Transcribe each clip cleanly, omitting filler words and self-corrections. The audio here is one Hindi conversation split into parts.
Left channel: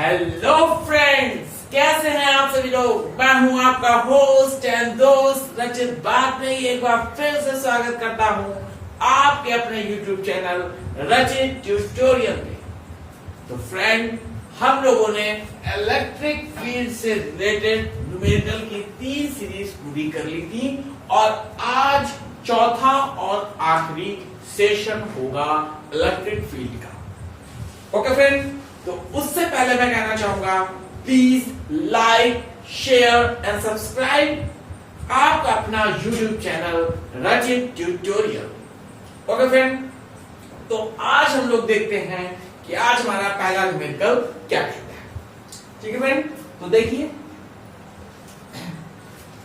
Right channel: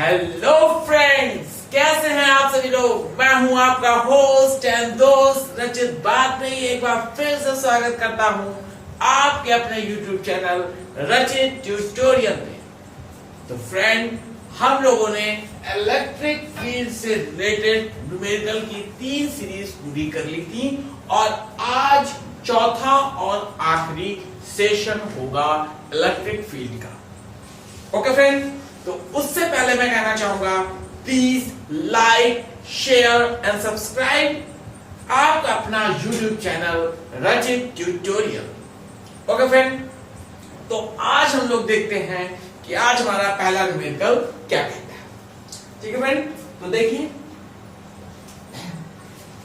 हेलो फ्रेंड्स, कैसे हैं आप सभी लोग। मैं हूं आपका होस्ट एंड दोस्त रचित। बात नहीं, एक बार फिर से स्वागत करता हूं आपके अपने YouTube चैनल रचित ट्यूटोरियल पे। तो फ्रेंड, हम लोगों ने इलेक्ट्रिक फील्ड से रिलेटेड न्यूमेरिकल की 3 सीरीज पूरी कर ली थी और आज चौथा और आखिरी सेशन होगा इलेक्ट्रिक फील्ड का। ओके फ्रेंड, तो उससे पहले मैं कहना चाहूंगा please like, share and subscribe आपका अपना YouTube चैनल रचित ट्यूटोरियल। ओके फ्रेंड, तो आज हम लोग देखते हैं कि आज हमारा पहला न्यूमेरिकल क्या कहता है। ठीक है फ्रेंड, तो देखिए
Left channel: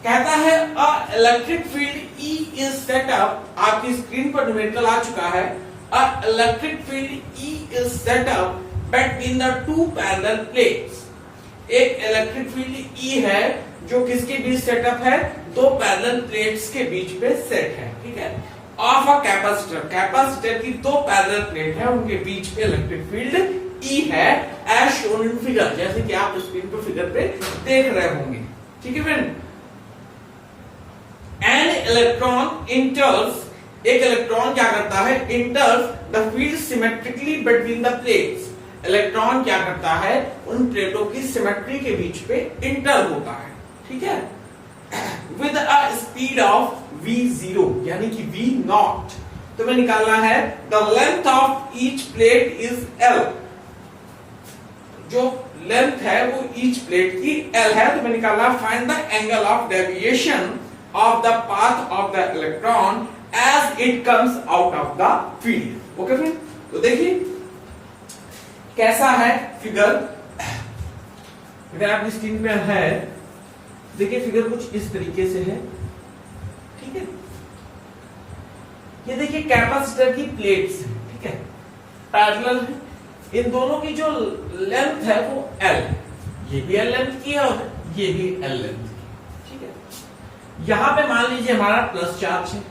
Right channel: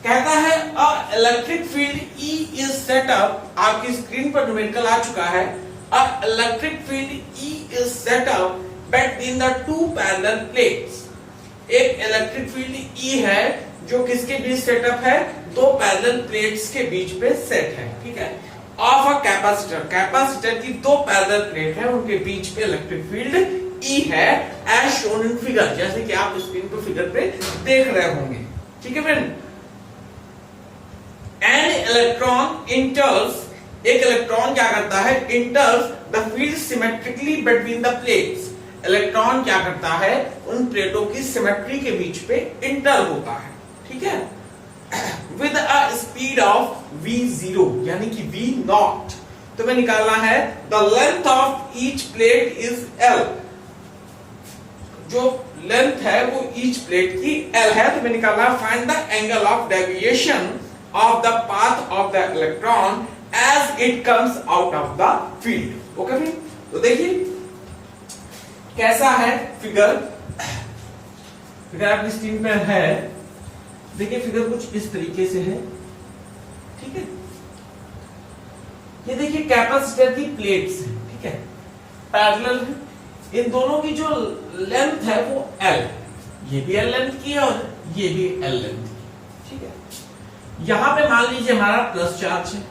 कहता है a electric field E is set up. आपकी स्क्रीन पर न्यूमेरिकल आ चुका है। A electric field E is set up between the two parallel plates। एक इलेक्ट्रिक फील्ड E है जो किसके बीच सेटअप है, दो पैरेलल प्लेट्स के बीच पे सेट है। ठीक है, ऑफ अ कैपेसिटर, कैपेसिटर की दो पैरेलल प्लेट है, उनके बीच पे इलेक्ट्रिक फील्ड E है एज शोन इन फिगर, जैसे कि आप स्क्रीन पर फिगर पे देख रहे होंगे। ठीक है फ्रेंड, एन इलेक्ट्रॉन इंटर्स, एक इलेक्ट्रॉन क्या करता है, इंटर्स the field symmetrically between the plates. Electron क्या करता है, उन प्लेटों की सिमेट्री के बीच पे इंटर होता है। ठीक है, with a speed of v0 यानी कि v नॉट। तो मैं निकालना है the length of each plate is l। जो लेंथ है वो ईच प्लेट की l है। तो मैं निकालना find the angle of deviation of the path of the electron as it comes out of the field. Okay friend, तो देखिए कैसा है फिगर आपकी स्क्रीन पे है। देखिए फिगर कुछ इस तरीके से है। ठीक है, ये देखिए कैपेसिटर की प्लेट्स है। ठीक है, पैरेलल है। इन दोनों की जो लेंथ है वो L, ये भी L लेंथ की है और ये भी L लेंथ की। ठीक है, यहां पे मान लीजिए हमारा प्लस चार्ज है।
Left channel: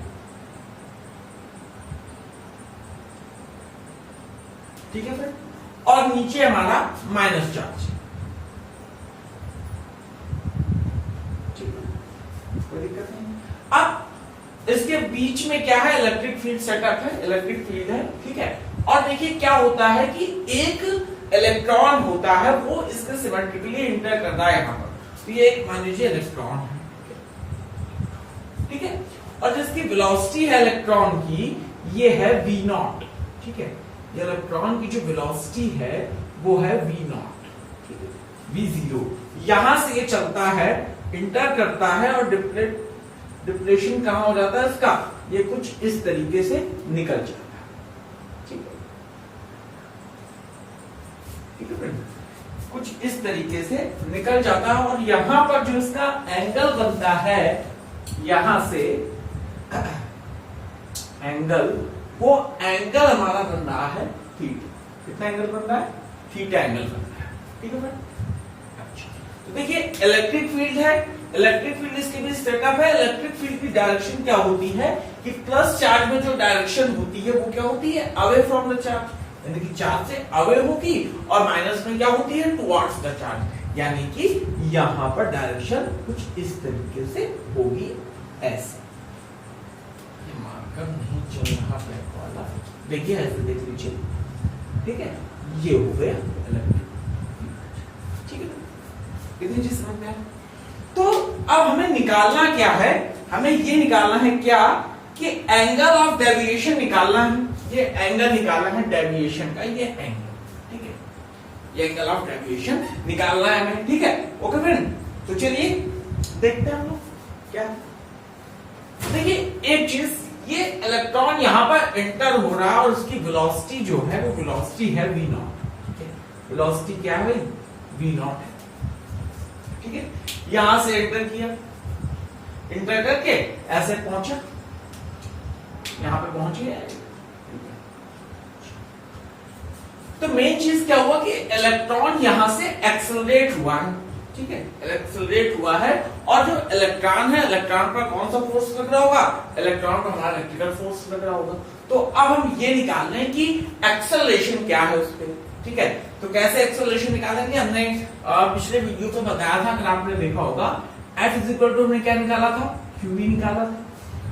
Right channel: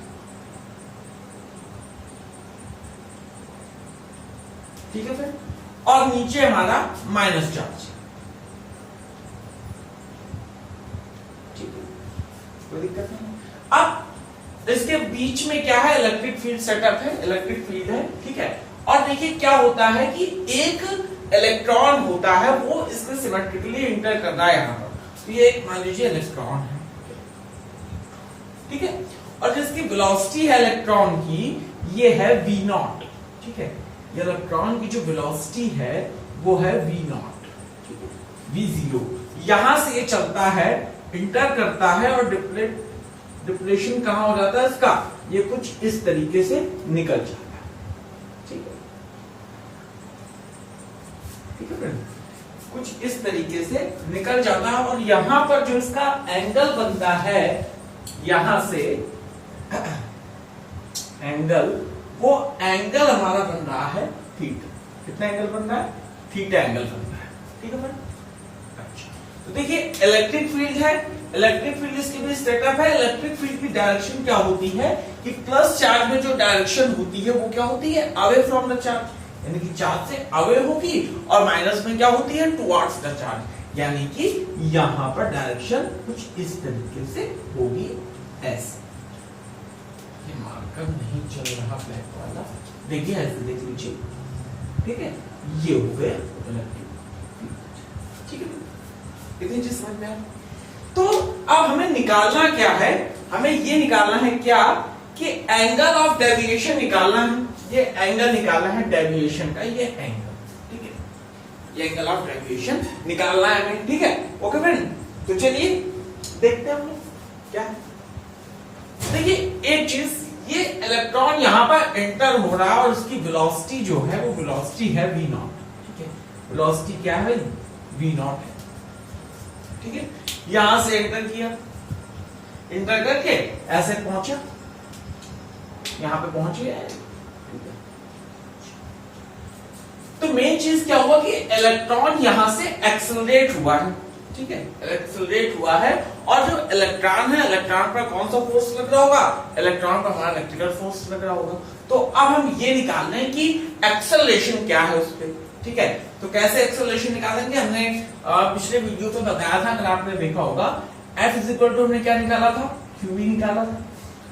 ठीक है फिर, और नीचे हमारा माइनस चार्ज है। ठीक है, कोई दिक्कत नहीं। अब इसके बीच में क्या है, इलेक्ट्रिक फील्ड सेटअप है, इलेक्ट्रिक फील्ड है। ठीक है, और देखिए क्या होता है कि एक इलेक्ट्रॉन होता है वो इसके सिमेट्रिकली इंटर करता है यहां पर। तो ये एक मान लीजिए इलेक्ट्रॉन है। ठीक है, और जिसकी वेलोसिटी है इलेक्ट्रॉन की ये है v नॉट। ठीक है, ये इलेक्ट्रॉन की जो वेलोसिटी है वो है v नॉट। ठीक है, v0। यहां से ये चलता है, इंटर करता है और डिप्लेशन कहां हो जाता है इसका, ये कुछ इस तरीके से निकल जाता है। ठीक है, ठीक है फ्रेंड, कुछ इस तरीके से निकल जाता है और यहां पर जो इसका एंगल बनता है, यहां से एंगल, वो एंगल हमारा बन रहा है थीटा। कितना एंगल बन रहा है, थीटा एंगल बन रहा है। ठीक है फ्रेंड, अच्छा तो देखिए इलेक्ट्रिक फील्ड है, इलेक्ट्रिक फील्ड इसके बीच सेटअप है। इलेक्ट्रिक फील्ड की डायरेक्शन क्या होती है कि प्लस चार्ज में जो डायरेक्शन होती है वो क्या होती है, अवे फ्रॉम द चार्ज, यानी कि चार्ज से अवे होगी, और माइनस में क्या होती है, टुवर्ड्स द चार्ज, यानी कि यहां पर डायरेक्शन कुछ इस तरीके से होगी। ऐसे मार्कर नहीं चल रहा ब्लैक वाला, देखिए ऐसे देख लीजिए। ठीक है, ये हो गया इलेक्ट्रिक। ठीक है, कितनी चीज समझ में आए। तो अब हमें निकालना क्या है, हमें ये निकालना है क्या कि एंगल ऑफ डेविएशन निकालना है। ये एंगल निकालना है डेविएशन का, ये एंगल। ठीक है, ये एंगल ऑफ डेविएशन निकालना है हमें। ठीक है, ओके फ्रेंड, तो चलिए देखते हैं हम लोग क्या। देखिए एक चीज, ये इलेक्ट्रॉन यहां पर एंटर हो रहा है और उसकी वेलोसिटी जो है वो वेलोसिटी है v नॉट। ठीक है, वेलोसिटी क्या है, v नॉट है। ठीक है, यहां से एंटर किया, एंटर करके ऐसे पहुंचा, यहां पे पहुंच गया। तो मेन चीज क्या हुआ कि इलेक्ट्रॉन यहां से एक्सेलरेट हुआ है। ठीक है, एक्सेलरेट हुआ है, और जो इलेक्ट्रॉन है, इलेक्ट्रॉन पर कौन सा फोर्स लग रहा होगा, इलेक्ट्रॉन पर हमारा इलेक्ट्रिकल फोर्स लग रहा होगा। तो अब हम ये निकाल रहे हैं कि एक्सेलरेशन क्या है उस पे। ठीक है। तो कैसे एक्सेलरेशन निकालेंगे, हमने पिछले वीडियो में बताया था, अगर आपने देखा होगा, F इज इक्वल टू हमने क्या निकाला था, QV निकाला था,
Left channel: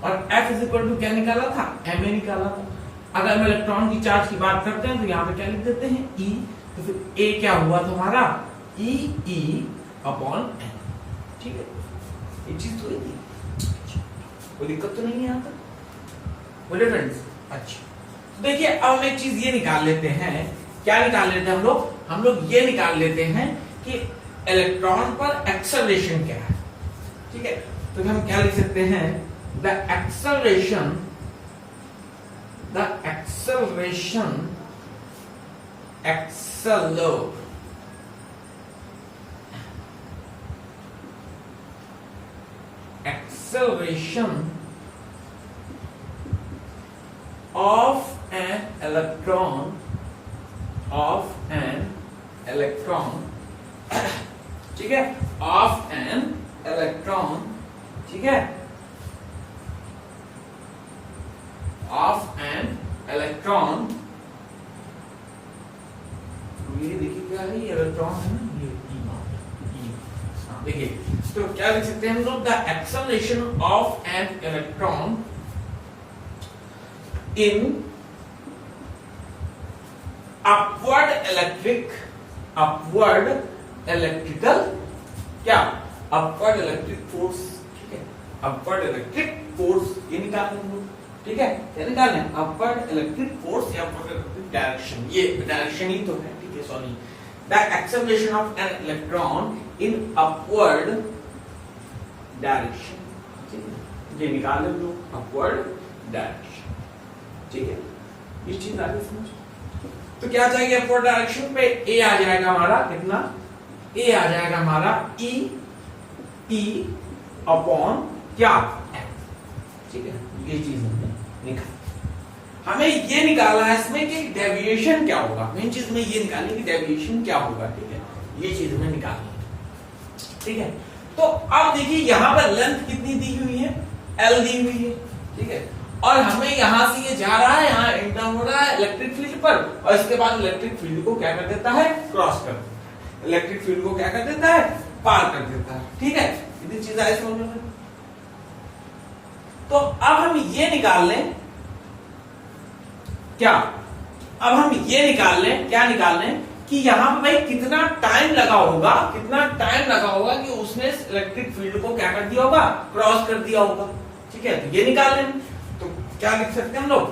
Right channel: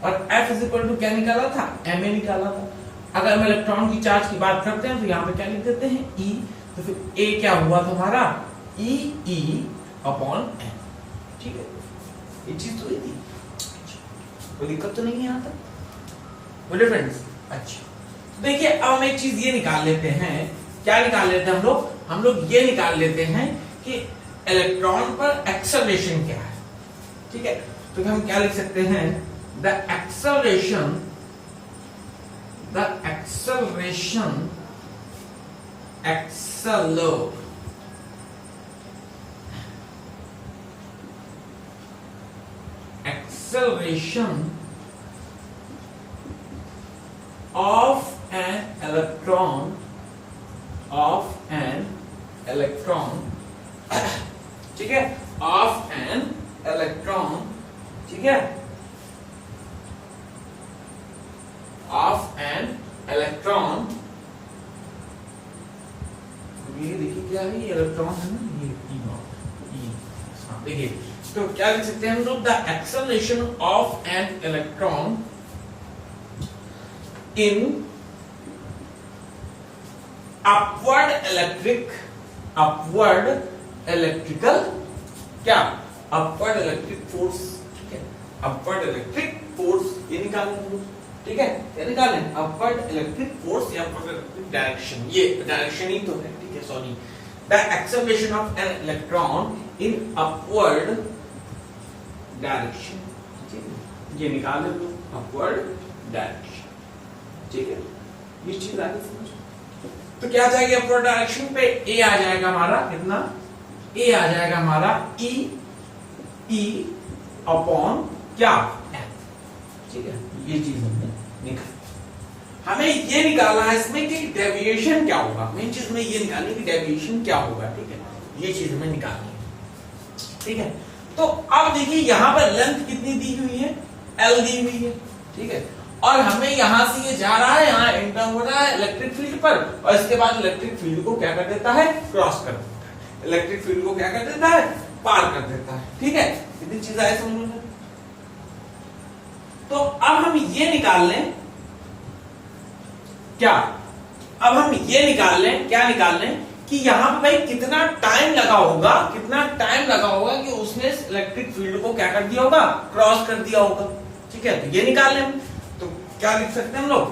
और F इज इक्वल टू क्या निकाला था, MA निकाला था। अगर हम इलेक्ट्रॉन की चार्ज की बात करते हैं तो यहाँ पे क्या लिख देते हैं, E, तो फिर A क्या हुआ तुम्हारा, E अपॉन M, ठीक है। ये चीज तो हुई थी, कोई दिक्कत तो नहीं है यहाँ तक, बोले फ्रेंड्स। अच्छा देखिए, अब हम एक चीज ये निकाल लेते हैं, क्या निकाल लेते हैं हम लोग ये निकाल लेते हैं कि इलेक्ट्रॉन पर एक्सेलरेशन क्या है, ठीक है। तो हम क्या लिख सकते हैं, the acceleration of an electron ठीक है, of an electron, ठीक है, of an electron, ये देखिए क्या है, ये इलेक्ट्रॉन है ना, ये E0, देखिए। तो क्या लिख सकते हैं हम लोग, the acceleration of an electron in upward electrical क्या, upward electric force, ठीक है, upward electric force ये निकालें हम लोग, ठीक है, ये निकालें upward electric force या upward electric direction, ये डायरेक्शन ही तो है, ठीक है, sorry, the acceleration of an electron in upward direction, ठीक है, ये निकालें हम लोग upward direction, ठीक है, ये चीज आगे समझ। तो क्या आ जाएगा अपवर्ड डायरेक्शन पे, ए आ जाएगा हमारा कितना, ए आ जाएगा हमारा ई अपॉन क्या, एम, ठीक है। ये चीज हमने निकाली, हमें ये निकालना है इसमें कि डेविएशन क्या होगा, मेन चीज में ये निकालनी कि डेविएशन क्या होगा, ठीक है, ये चीज हमें निकालनी है, ठीक है। तो अब देखिए यहां पर लेंथ कितनी दी हुई है, L दी हुई है, ठीक है, और हमें यहां से ये जा रहा है, यहाँ एंटर हो रहा है इलेक्ट्रिक फील्ड पर, और इसके बाद इलेक्ट्रिक फील्ड को क्या कर देता है, क्रॉस कर देता है, इलेक्ट्रिक फील्ड को क्या कर देता है, पार कर देता है, ठीक है। इतनी चीज आए समझ में। तो अब हम ये निकाल लें क्या, अब हम ये निकाल लें, क्या निकाल लें कि यहां पर भाई कितना टाइम लगा होगा कि उसने इलेक्ट्रिक फील्ड को क्या कर दिया होगा, क्रॉस कर दिया होगा, ठीक है। तो ये निकाल लें, तो क्या लिख सकते हैं हम लोग,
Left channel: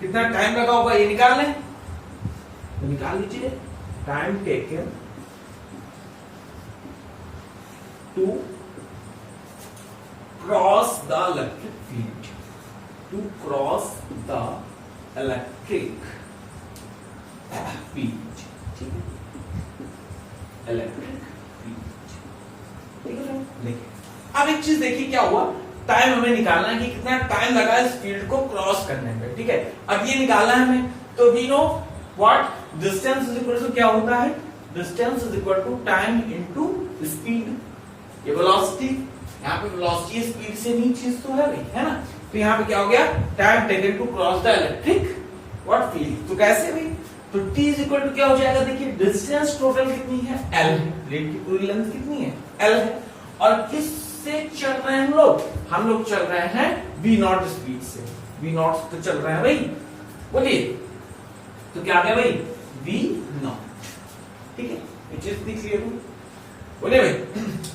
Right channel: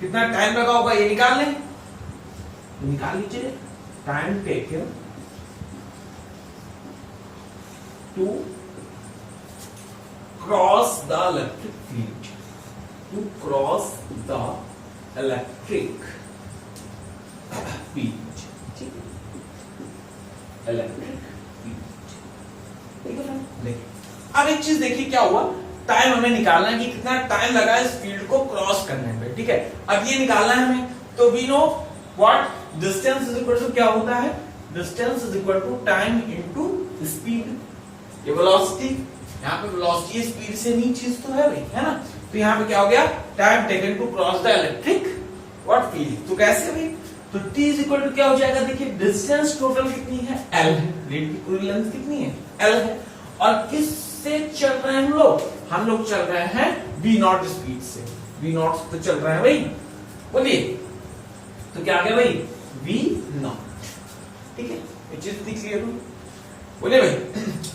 कितना टाइम लगा होगा ये निकाल लें, निकाल लीजिए, time taken to cross the electric field, to cross the electric field, ठीक है, इलेक्ट्रिक फील्ड। अब एक चीज देखिए क्या हुआ, टाइम हमें निकालना है कि कितना टाइम लगा इस फील्ड को क्रॉस करने में, ठीक है। अब ये निकालना है हमें, तो we know what distance is equal to क्या होता है, distance is equal to time into speed, ये वेलोसिटी, यहाँ पे वेलोसिटी स्पीड से नीचे चीज तो है भाई, है ना। तो यहाँ पे क्या हो गया, time taken to cross the electric what field, तो कैसे भाई, तो t इज इक्वल टू क्या हो जाएगा, देखिए डिस्टेंस टोटल कितनी है, L है, प्लेट की पूरी लेंथ कितनी है, L है, और किस से चल रहे हैं हम लोग चल रहे हैं v0 स्पीड से, v0 तो चल रहा है भाई, बोलिए, तो क्या आ गया भाई, v0, ठीक है, ये चीज क्लियर हो, बोलिए भाई।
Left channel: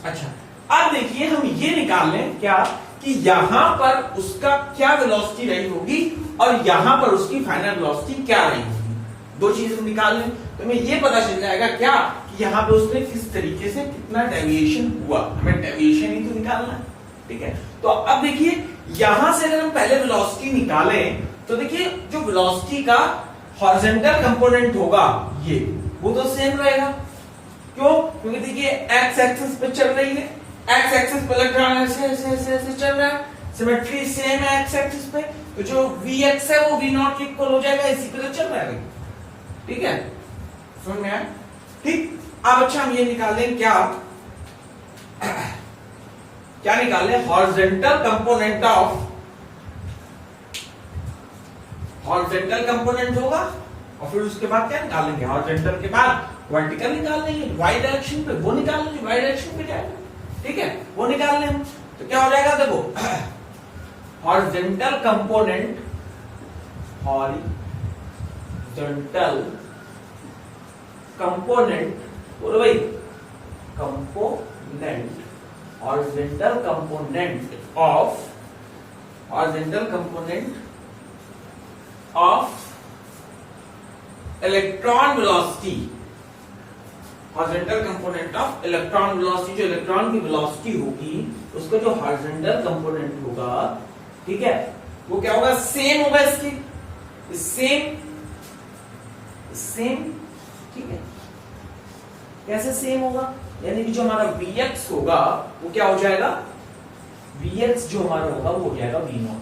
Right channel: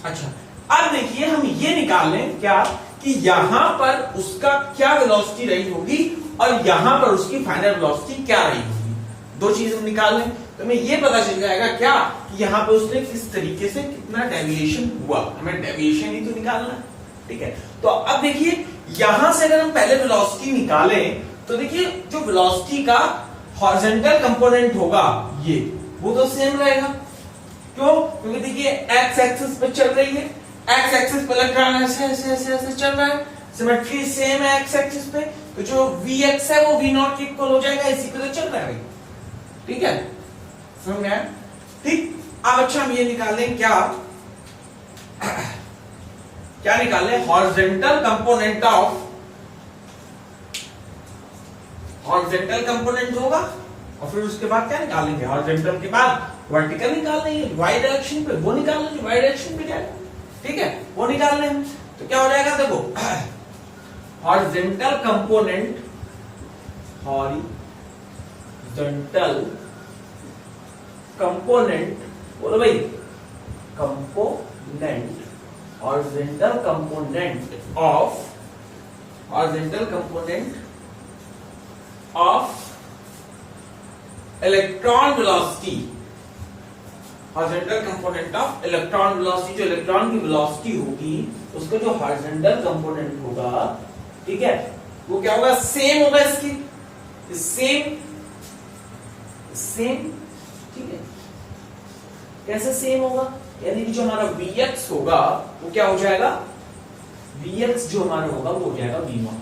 अच्छा अब देखिए हम ये निकाल लें क्या, कि यहां पर उसका क्या वेलोसिटी रही होगी और यहां पर उसकी फाइनल वेलोसिटी क्या रही होगी, दो चीज हम निकाल लें, तो हमें ये पता चल जाएगा क्या, कि यहाँ पे उसने किस तरीके से कितना डेविएशन हुआ, हमें डेविएशन ही तो निकालना, ठीक है। तो अब देखिए यहां से अगर हम पहले वेलोसिटी निकालें, तो देखिए जो वेलोसिटी का हॉरिजॉन्टल कंपोनेंट होगा ये, वो तो सेम रहेगा, क्यों, क्योंकि देखिए एक्स एक्सिस पे चल रही है, एक्स एक्सिस पे इलेक्ट्रॉन ऐसे ऐसे ऐसे ऐसे चल रहा है, सिमेट्री सेम है एक्स एक्सिस पे, तो जो Vx है वो V0 के इक्वल हो जाएगा, इसी पे तो चल रहा है, ठीक है, समझ में आया, ठीक। अब अच्छा हम ये निकालें क्या, क्या निकालें, horizontal component of, horizontal component होगा और फिर उसके बाद क्या निकालेंगे, हॉरिजॉन्टल के बाद वर्टिकल निकाल लेंगे वाई डायरेक्शन पे, वो निकाल लेंगे वाई डायरेक्शन पे जाएगा, ठीक है, वो निकाल लेंगे। तो क्या हो जाएगा देखो, हॉरिजॉन्टल कंपोनेंट, हॉरिजॉन्टल कंपोनेंट, बोलो भाई, component, horizontal component of electron velocity, horizontal component of electron velocity, जो इलेक्ट्रॉन की वेलोसिटी होगी उसका जो हॉरिजॉन्टल कंपोनेंट होगा, ठीक है, वो क्या होगा, सेम होगा इसकी, सेम, ठीक है, कैसे सेम होगा, यानी कि जो हमारा Vx होगा वो क्या हो जाएगा, Vx जो हमारा होगा वो हो जाएगा V0,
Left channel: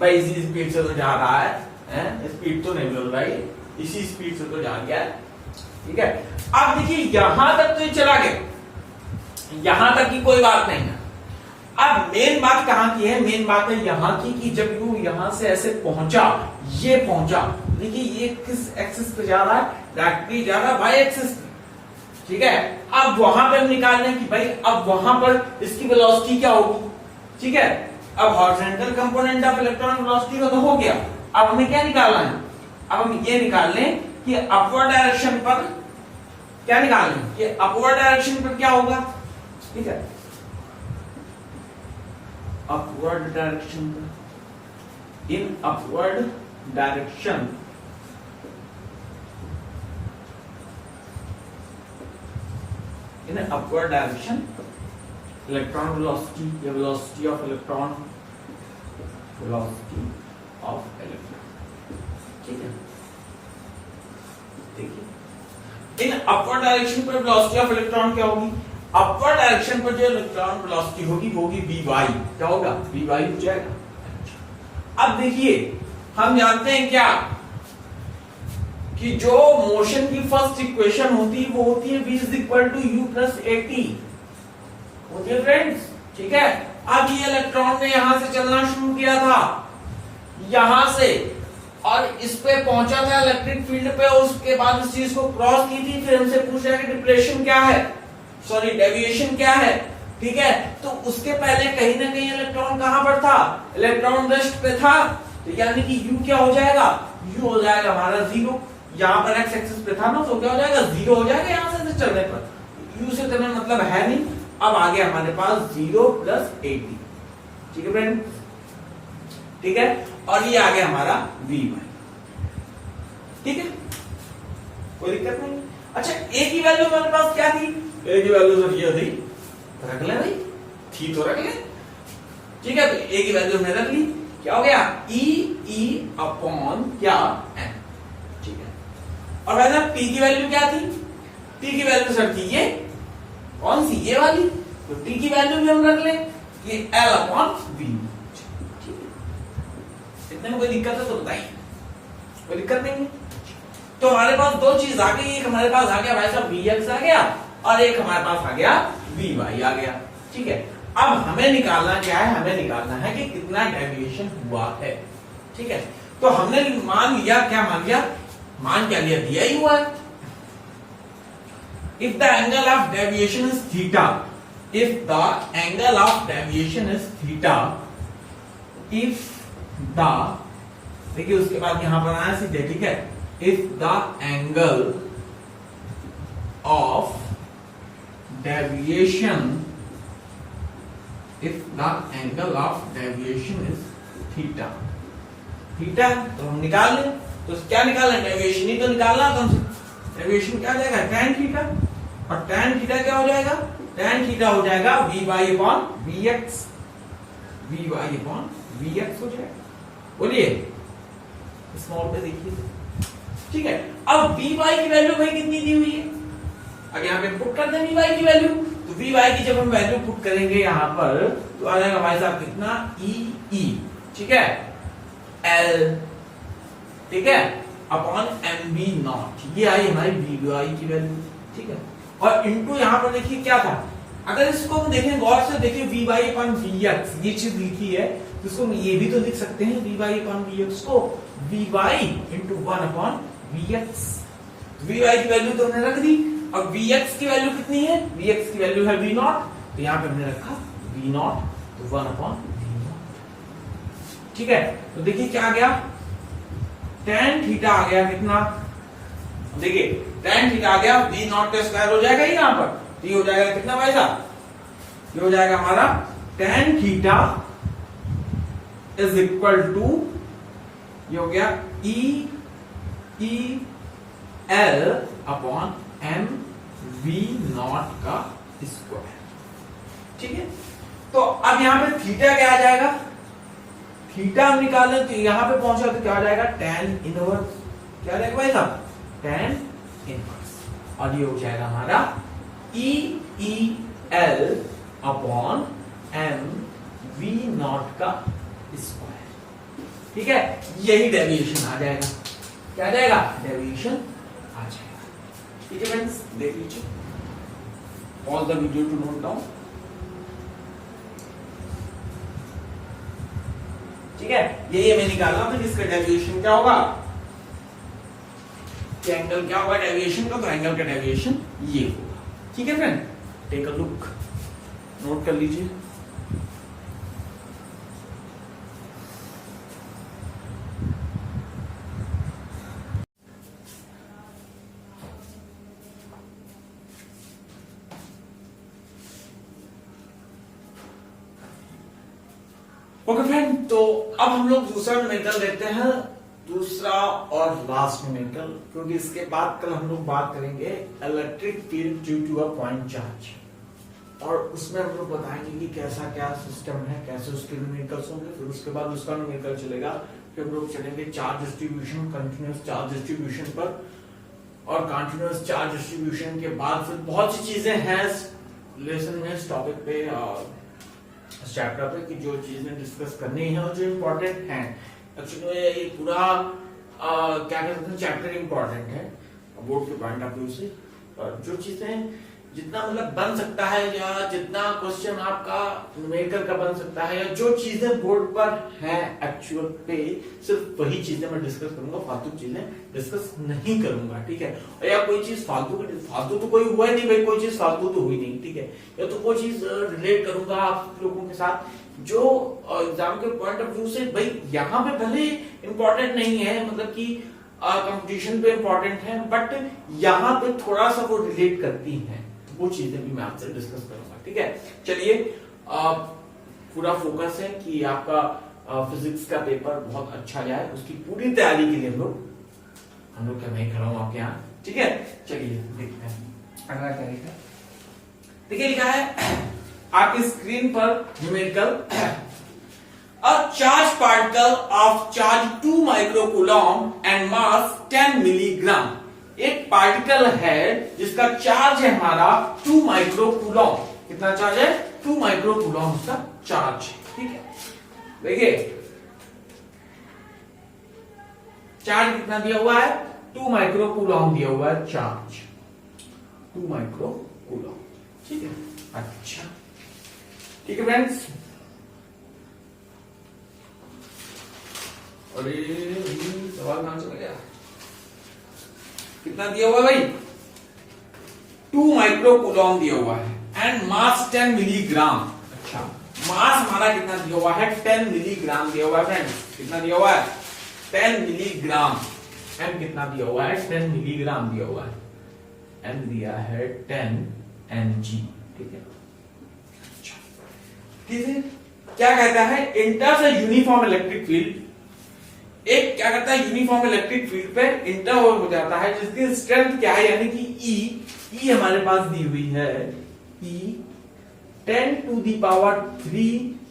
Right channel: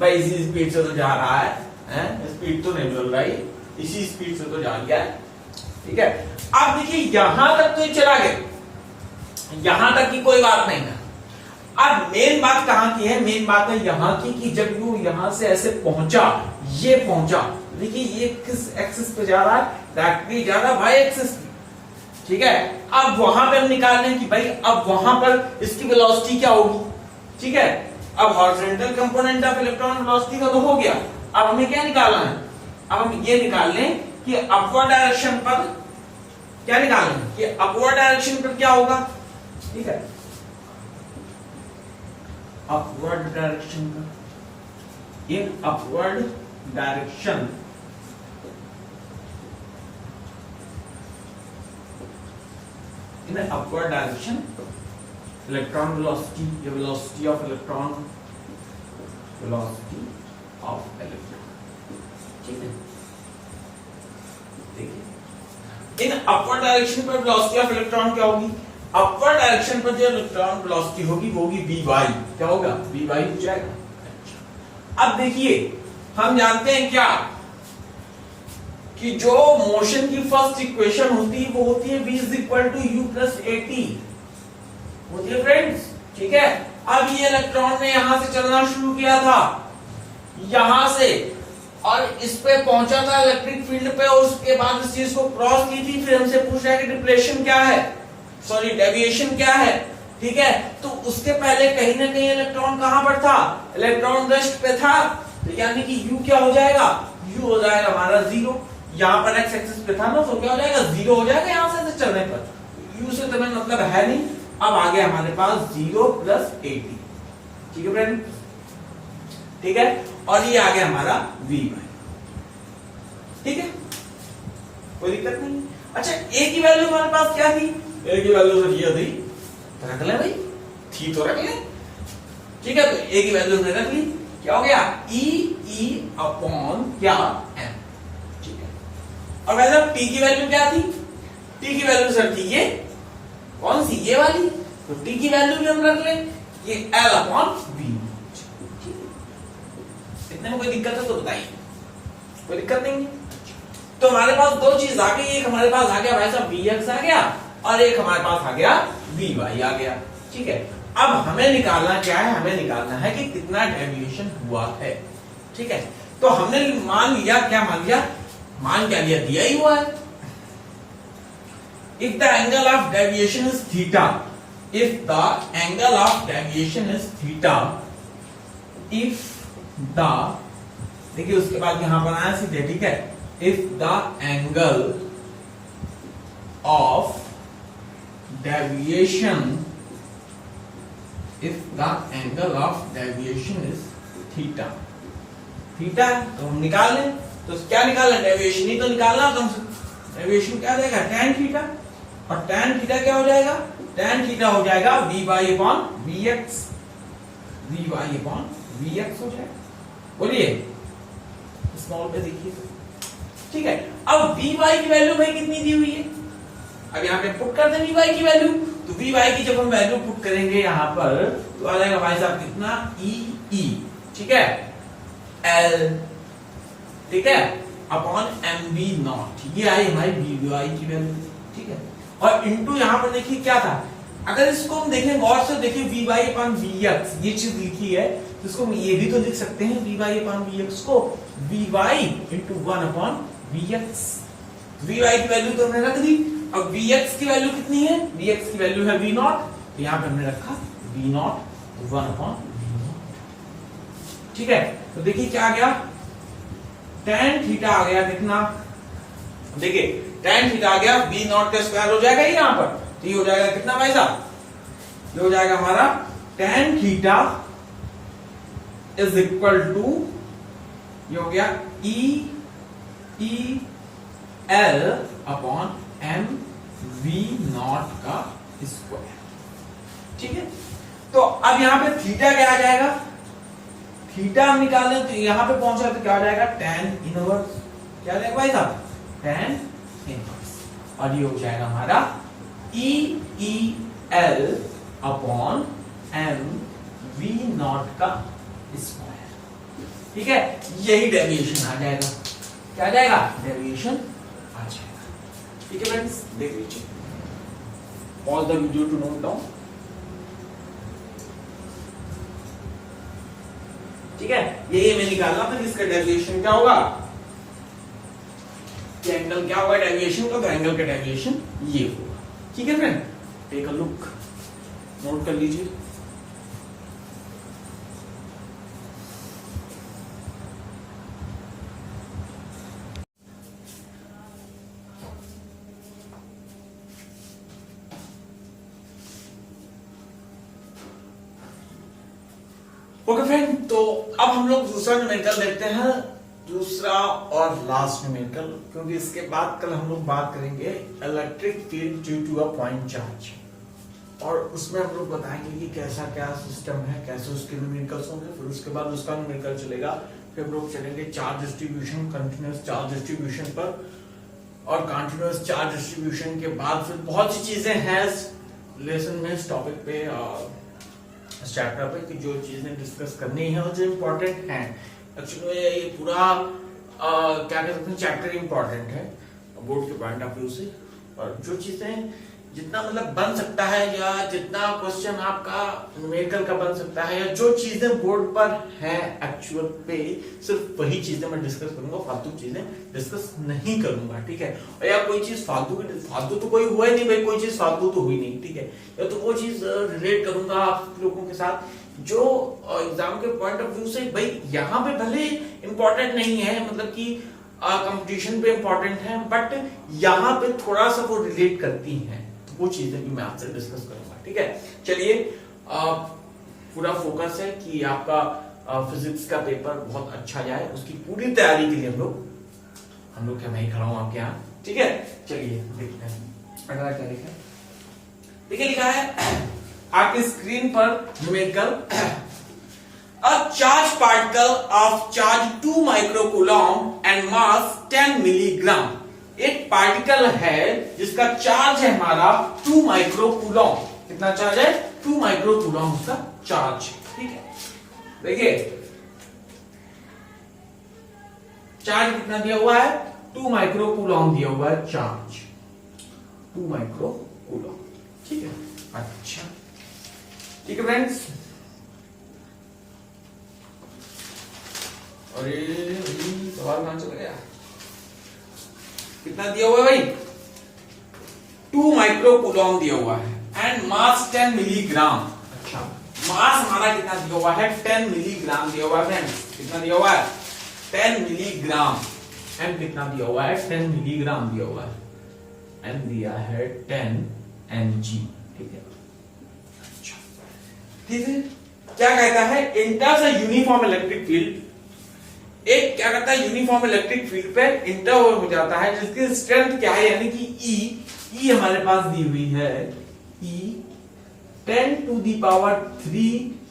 भाई इसी स्पीड से तो जा रहा है, स्पीड तो नहीं बदल रही, इसी स्पीड से तो जा गया है, ठीक है। अब देखिए यहां तक तो ये चला गया, यहां तक की कोई बात नहीं है। अब मेन बात कहां की है, मेन बात है यहां की, कि जब वो यहां से ऐसे पहुंचा, ये पहुंचा, देखिए ये किस एक्सिस पे जा रहा है, डायरेक्टली जा रहा है वाई एक्सिस, ठीक है। अब वहां पे हम निकाल रहे हैं कि भाई अब वहां पर इसकी वेलोसिटी क्या होगी, ठीक है। अब horizontal component of electron velocity का तो हो गया, अब हमें क्या निकालना है, अब हम ये निकाल लें कि अपवर्ड डायरेक्शन पर क्या निकाल लें, कि अपवर्ड डायरेक्शन पर क्या होगा, ठीक है, अपवर्ड डायरेक्शन पर, in upward direction, in the upward direction electron velocity, the velocity of electron, velocity of electron, ठीक है, देखिए इन अपवर्ड डायरेक्शन पर वेलोसिटी ऑफ इलेक्ट्रॉन क्या होगी, अपवर्ड डायरेक्शन पर जो इलेक्ट्रॉन वेलोसिटी होगी वो होगी Vy, क्या होगा, Vy हो जाएगा। अब देखिए हम जानते हैं क्या, कि जो मोशन की फर्स्ट इक्वेशन होती है वो होती है v is equal to u plus a t होती है फ्रेंड्स, ठीक है। अब ये इलेक्ट्रॉन ने यहां से चलना शुरू किया था, यहां से, और इस पे पहुंचा था इलेक्ट्रिक फील्ड पे, और उसके बाद इस चीज को क्रॉस की थी, फिर हमसे पूछ रहा है कि डिप्रेशन क्या है, सॉरी डेविएशन क्या है, ठीक है। तो उसके पहले कहीं ना कहीं इलेक्ट्रॉन कहां पर था, इलेक्ट्रॉन रेस्ट पे था, तो यानी कि u क्या हो जाएगा, u हो जाएगा हमारा 0, यहाँ पर एक्स एक्सिस पे था ना, तो क्या हो जाएगा, 0 हो जाएगा यहां से चलने पर, u से तो मतलब है नहीं, अब आ गया हमारे पास 0 प्लस 80, ठीक है फ्रेंड, ठीक है, और ये आ गया हमारा Vy, ठीक है, कोई दिक्कत नहीं। अच्छा a की वैल्यू हमारे पास क्या थी, a की वैल्यू सर ये थी, रख ले भाई, थी तो रख ले, ठीक है, तो a की वैल्यू हमने रख ली, क्या हो गया, E अपॉन क्या m, ठीक है। और वैसे t की वैल्यू क्या थी, t की वैल्यू सर थी ये, कौन सी, ये वाली, तो t की वैल्यू भी हम रख ले, ये L अपॉन v, इतने में कोई दिक्कत है तो बताइए, कोई दिक्कत नहीं है। तो हमारे पास दो चीज आ गई, एक हमारे पास आ गया भाई साहब Vx आ गया, और एक हमारे पास आ गया Vy आ गया, ठीक है। अब हमें निकालना क्या है, हमें निकालना है कि कितना डेविएशन हुआ है, ठीक है। तो हमने मान लिया, क्या मान लिया, मान क्या लिया, दिया ही हुआ है, if the angle of deviation is theta, if the angle of deviation is theta, if the, देखिए उसके बाद यहां पर आया सीधे, ठीक है, if the angle of deviation, if the angle of deviation is theta, theta तो हम निकाल लें, तो क्या निकालना, डेविएशन ही तो निकालना, तो डेविएशन क्या देगा, tan थीटा, और tan थीटा क्या हो जाएगा, tan थीटा हो जाएगा Vy upon Vx, Vy upon Vx हो जाएगा, बोलिए स्मॉल पे देखिए, ठीक है। अब Vy की वैल्यू भाई कितनी दी हुई है, अब यहाँ पे पुट कर दें Vy की वैल्यू, तो Vy की जब हम वैल्यू पुट करेंगे यहाँ पर, तो आ जाएगा भाई साहब कितना, E, ठीक है, L, ठीक है, अपॉन mv नॉट, ये आई हमारी Vy की वैल्यू, ठीक है। और इनटू यहाँ पर देखिए क्या था, अगर इसको हम देखें गौर से, देखिए Vy अपॉन Vx, ये चीज लिखी है, इसको हम ये भी तो लिख सकते हैं Vy अपॉन Vx को Vy into 1 upon Vx, Vy की वैल्यू तो हमने रख दी। अब Vx की वैल्यू कितनी है? Vx की वैल्यू है V0, तो यहां पे हमने रखा V0 1/V0। ठीक है, तो देखिए क्या आ गया, tan थीटा आ गया कितना, देखिए tan थीटा आ गया V0 का स्क्वायर हो जाएगा यहां पर, तो ये हो जाएगा कितना भाई साहब, ये हो जाएगा हमारा tan theta is equal to, ये हो गया EL अपॉन m V0 का स्क्वायर। ठीक है, तो अब यहां पे थीटा क्या आ जाएगा, थीटा हम निकालें तो यहां पे पहुंचा तो क्या आ जाएगा, tan इनवर्स, क्या आ जाएगा भाई साहब, tan इनवर्स, और ये हो जाएगा हमारा EL अपॉन m V0 का स्क्वायर। ठीक है, यही डेविएशन आ जाएगा, क्या आ जाएगा, डेविएशन आ जाएगा। ठीक है फ्रेंड्स, देख लीजिए all the video to note down. ठीक है, ये मैं निकालना था जिसका डेविएशन क्या होगा, कि एंगल क्या होगा डेविएशन का, तो एंगल का डेविएशन ये होगा। ठीक है friend, take a look, note कर लीजिए। ओके फ्रेंड, तो अब हम लोग दूसरा न्यूमेरिकल लेते हैं, दूसरा और लास्ट न्यूमेरिकल, क्योंकि इसके बाद कल हम लोग बात करेंगे electric field due to a point charge, और उसमें हम लोग बताएंगे कि कैसा क्या सिस्टम है, कैसे उसके न्यूमेरिकल्स होंगे, फिर उसके बाद उसका न्यूमेरिकल चलेगा, फिर हम लोग चलेंगे charge distribution, continuous charge distribution पर, और कंटिन्यूअस चार्ज डिस्ट्रीब्यूशन के बाद फिर बहुत सी चीजें हैं लेसन में, इस टॉपिक पे और इस चैप्टर पे, कि जो चीजें डिस्कस करनी है और जो इम्पोर्टेंट है। एक्चुअली ये पूरा क्या कह सकते हैं, चैप्टर इम्पोर्टेंट है बोर्ड के पॉइंट ऑफ व्यू से, और जो चीजें जितना मतलब बन सकता है, या जितना क्वेश्चन आपका न्यूमेरिकल का बन सकता है, या जो चीजें बोर्ड पर हैं एक्चुअल पे, सिर्फ वही चीजें मैं डिस्कस करूंगा, फालतू चीजें डिस्कस नहीं करूंगा। ठीक है, और या कोई चीज फालतू तो कोई हुआ ही नहीं भाई, कोई चीज फालतू तो हुई नहीं। ठीक है, या तो वो चीज रिलेट करूंगा आप लोगों के साथ जो एग्जाम के पॉइंट ऑफ व्यू से भाई यहाँ पे भले इंपॉर्टेंट नहीं है, मतलब कि कंपटीशन पे इंपॉर्टेंट है, बट यहाँ पे थोड़ा सा वो रिलेट करती हैं, वो चीजें भी मैं आपसे डिस्कस करूंगा। ठीक है, चलिए पूरा फोकस है कि आपका फिजिक्स का पेपर बहुत अच्छा जाए, उसकी पूरी तैयारी के लिए हम लोग क्या, मैं खड़ा हूं आपके यहाँ। ठीक है, चलिए देखते हैं अगला क्या लिखा है। देखिए लिखा है आपकी स्क्रीन पर numerical, a charge particle of charge 2 microcoulomb and mass 10 milligram. एक पार्टिकल है जिसका चार्ज है हमारा 2 माइक्रोकूलम। कितना चार्ज है, 2 माइक्रोकूलम उसका चार्ज है। ठीक है, देखिए चार्ज कितना दिया हुआ है, 2 माइक्रोकूलम दिया हुआ है चार्ज, 2 माइक्रोकूलम। ठीक है, अच्छा ठीक है फ्रेंड्स, अरे सवाल कहां चला गया, कितना दिया हुआ है भाई, 2 माइक्रोकूलम दिया हुआ है, एंड मास 10 मिलीग्राम। अच्छा, मास हमारा कितना दिया हुआ है, 10 मिलीग्राम दिया हुआ है फ्रेंड्स, कितना दिया हुआ है, 10 मिलीग्राम। एम कितना दिया हुआ है, 10 मिलीग्राम दिया हुआ है, एम दिया है 10 mg। ठीक है, अच्छा ठीक है, क्या कहता है, इंटर्स अ यूनिफॉर्म इलेक्ट्रिक फील्ड, एक क्या करता है यूनिफॉर्म इलेक्ट्रिक फील्ड पे इंटर हो जाता है, जिसकी स्ट्रेंथ क्या है, यानी कि ई हमारे पास दी हुई है, ई 10⁻³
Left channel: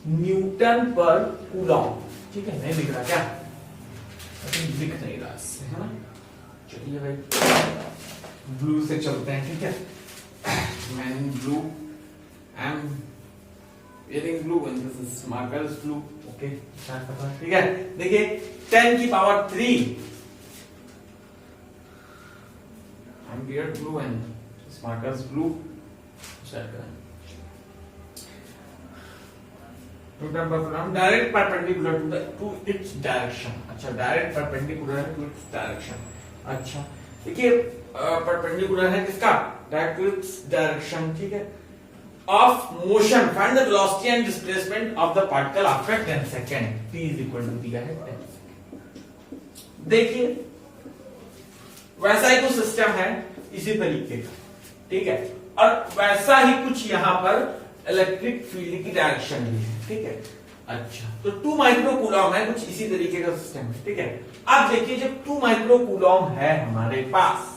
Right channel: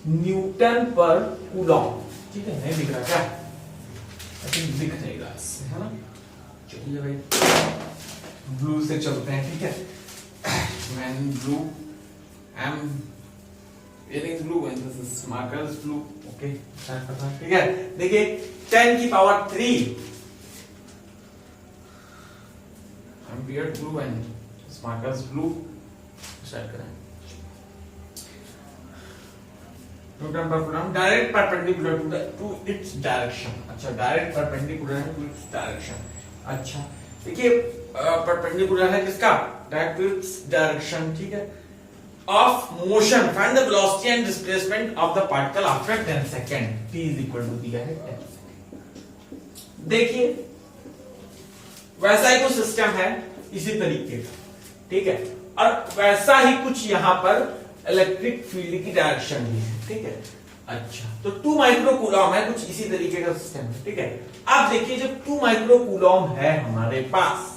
न्यूटन पर कूलम। ठीक है, नहीं दिख रहा क्या, दिख नहीं रहा इससे, है ना। चलिए भाई ब्लू से चलते हैं। ठीक है, man blue, I am wearing blue and this is markers blue. Okay, ठीक है, देखिए 10⁻³ ampere blue and markers blue set करें, newton per coulomb, direct perpendicular to its direction. अच्छा, direct perpendicular to its direction. अच्छा देखिए परपेंडिकुलर है किसका, डायरेक्ट डायरेक्शन, ठीक है, of motion, find the velocity and displacement of the particle after 10 second, t is equal to दिया है 10 सेकंड। देखिए वैसा ही कुछ सिस्टम है इसी तरीके का, ठीक है, और वैसा ही कुछ यहां पर इलेक्ट्रिक फील्ड की डायरेक्शन भी है, ठीक है। अच्छा तो 2 माइक्रो कूलॉम है, कुछ इसी तरीके का सिस्टम है, ठीक है। अब देखिए जब 2 माइक्रो कूलॉम है हमारे पास,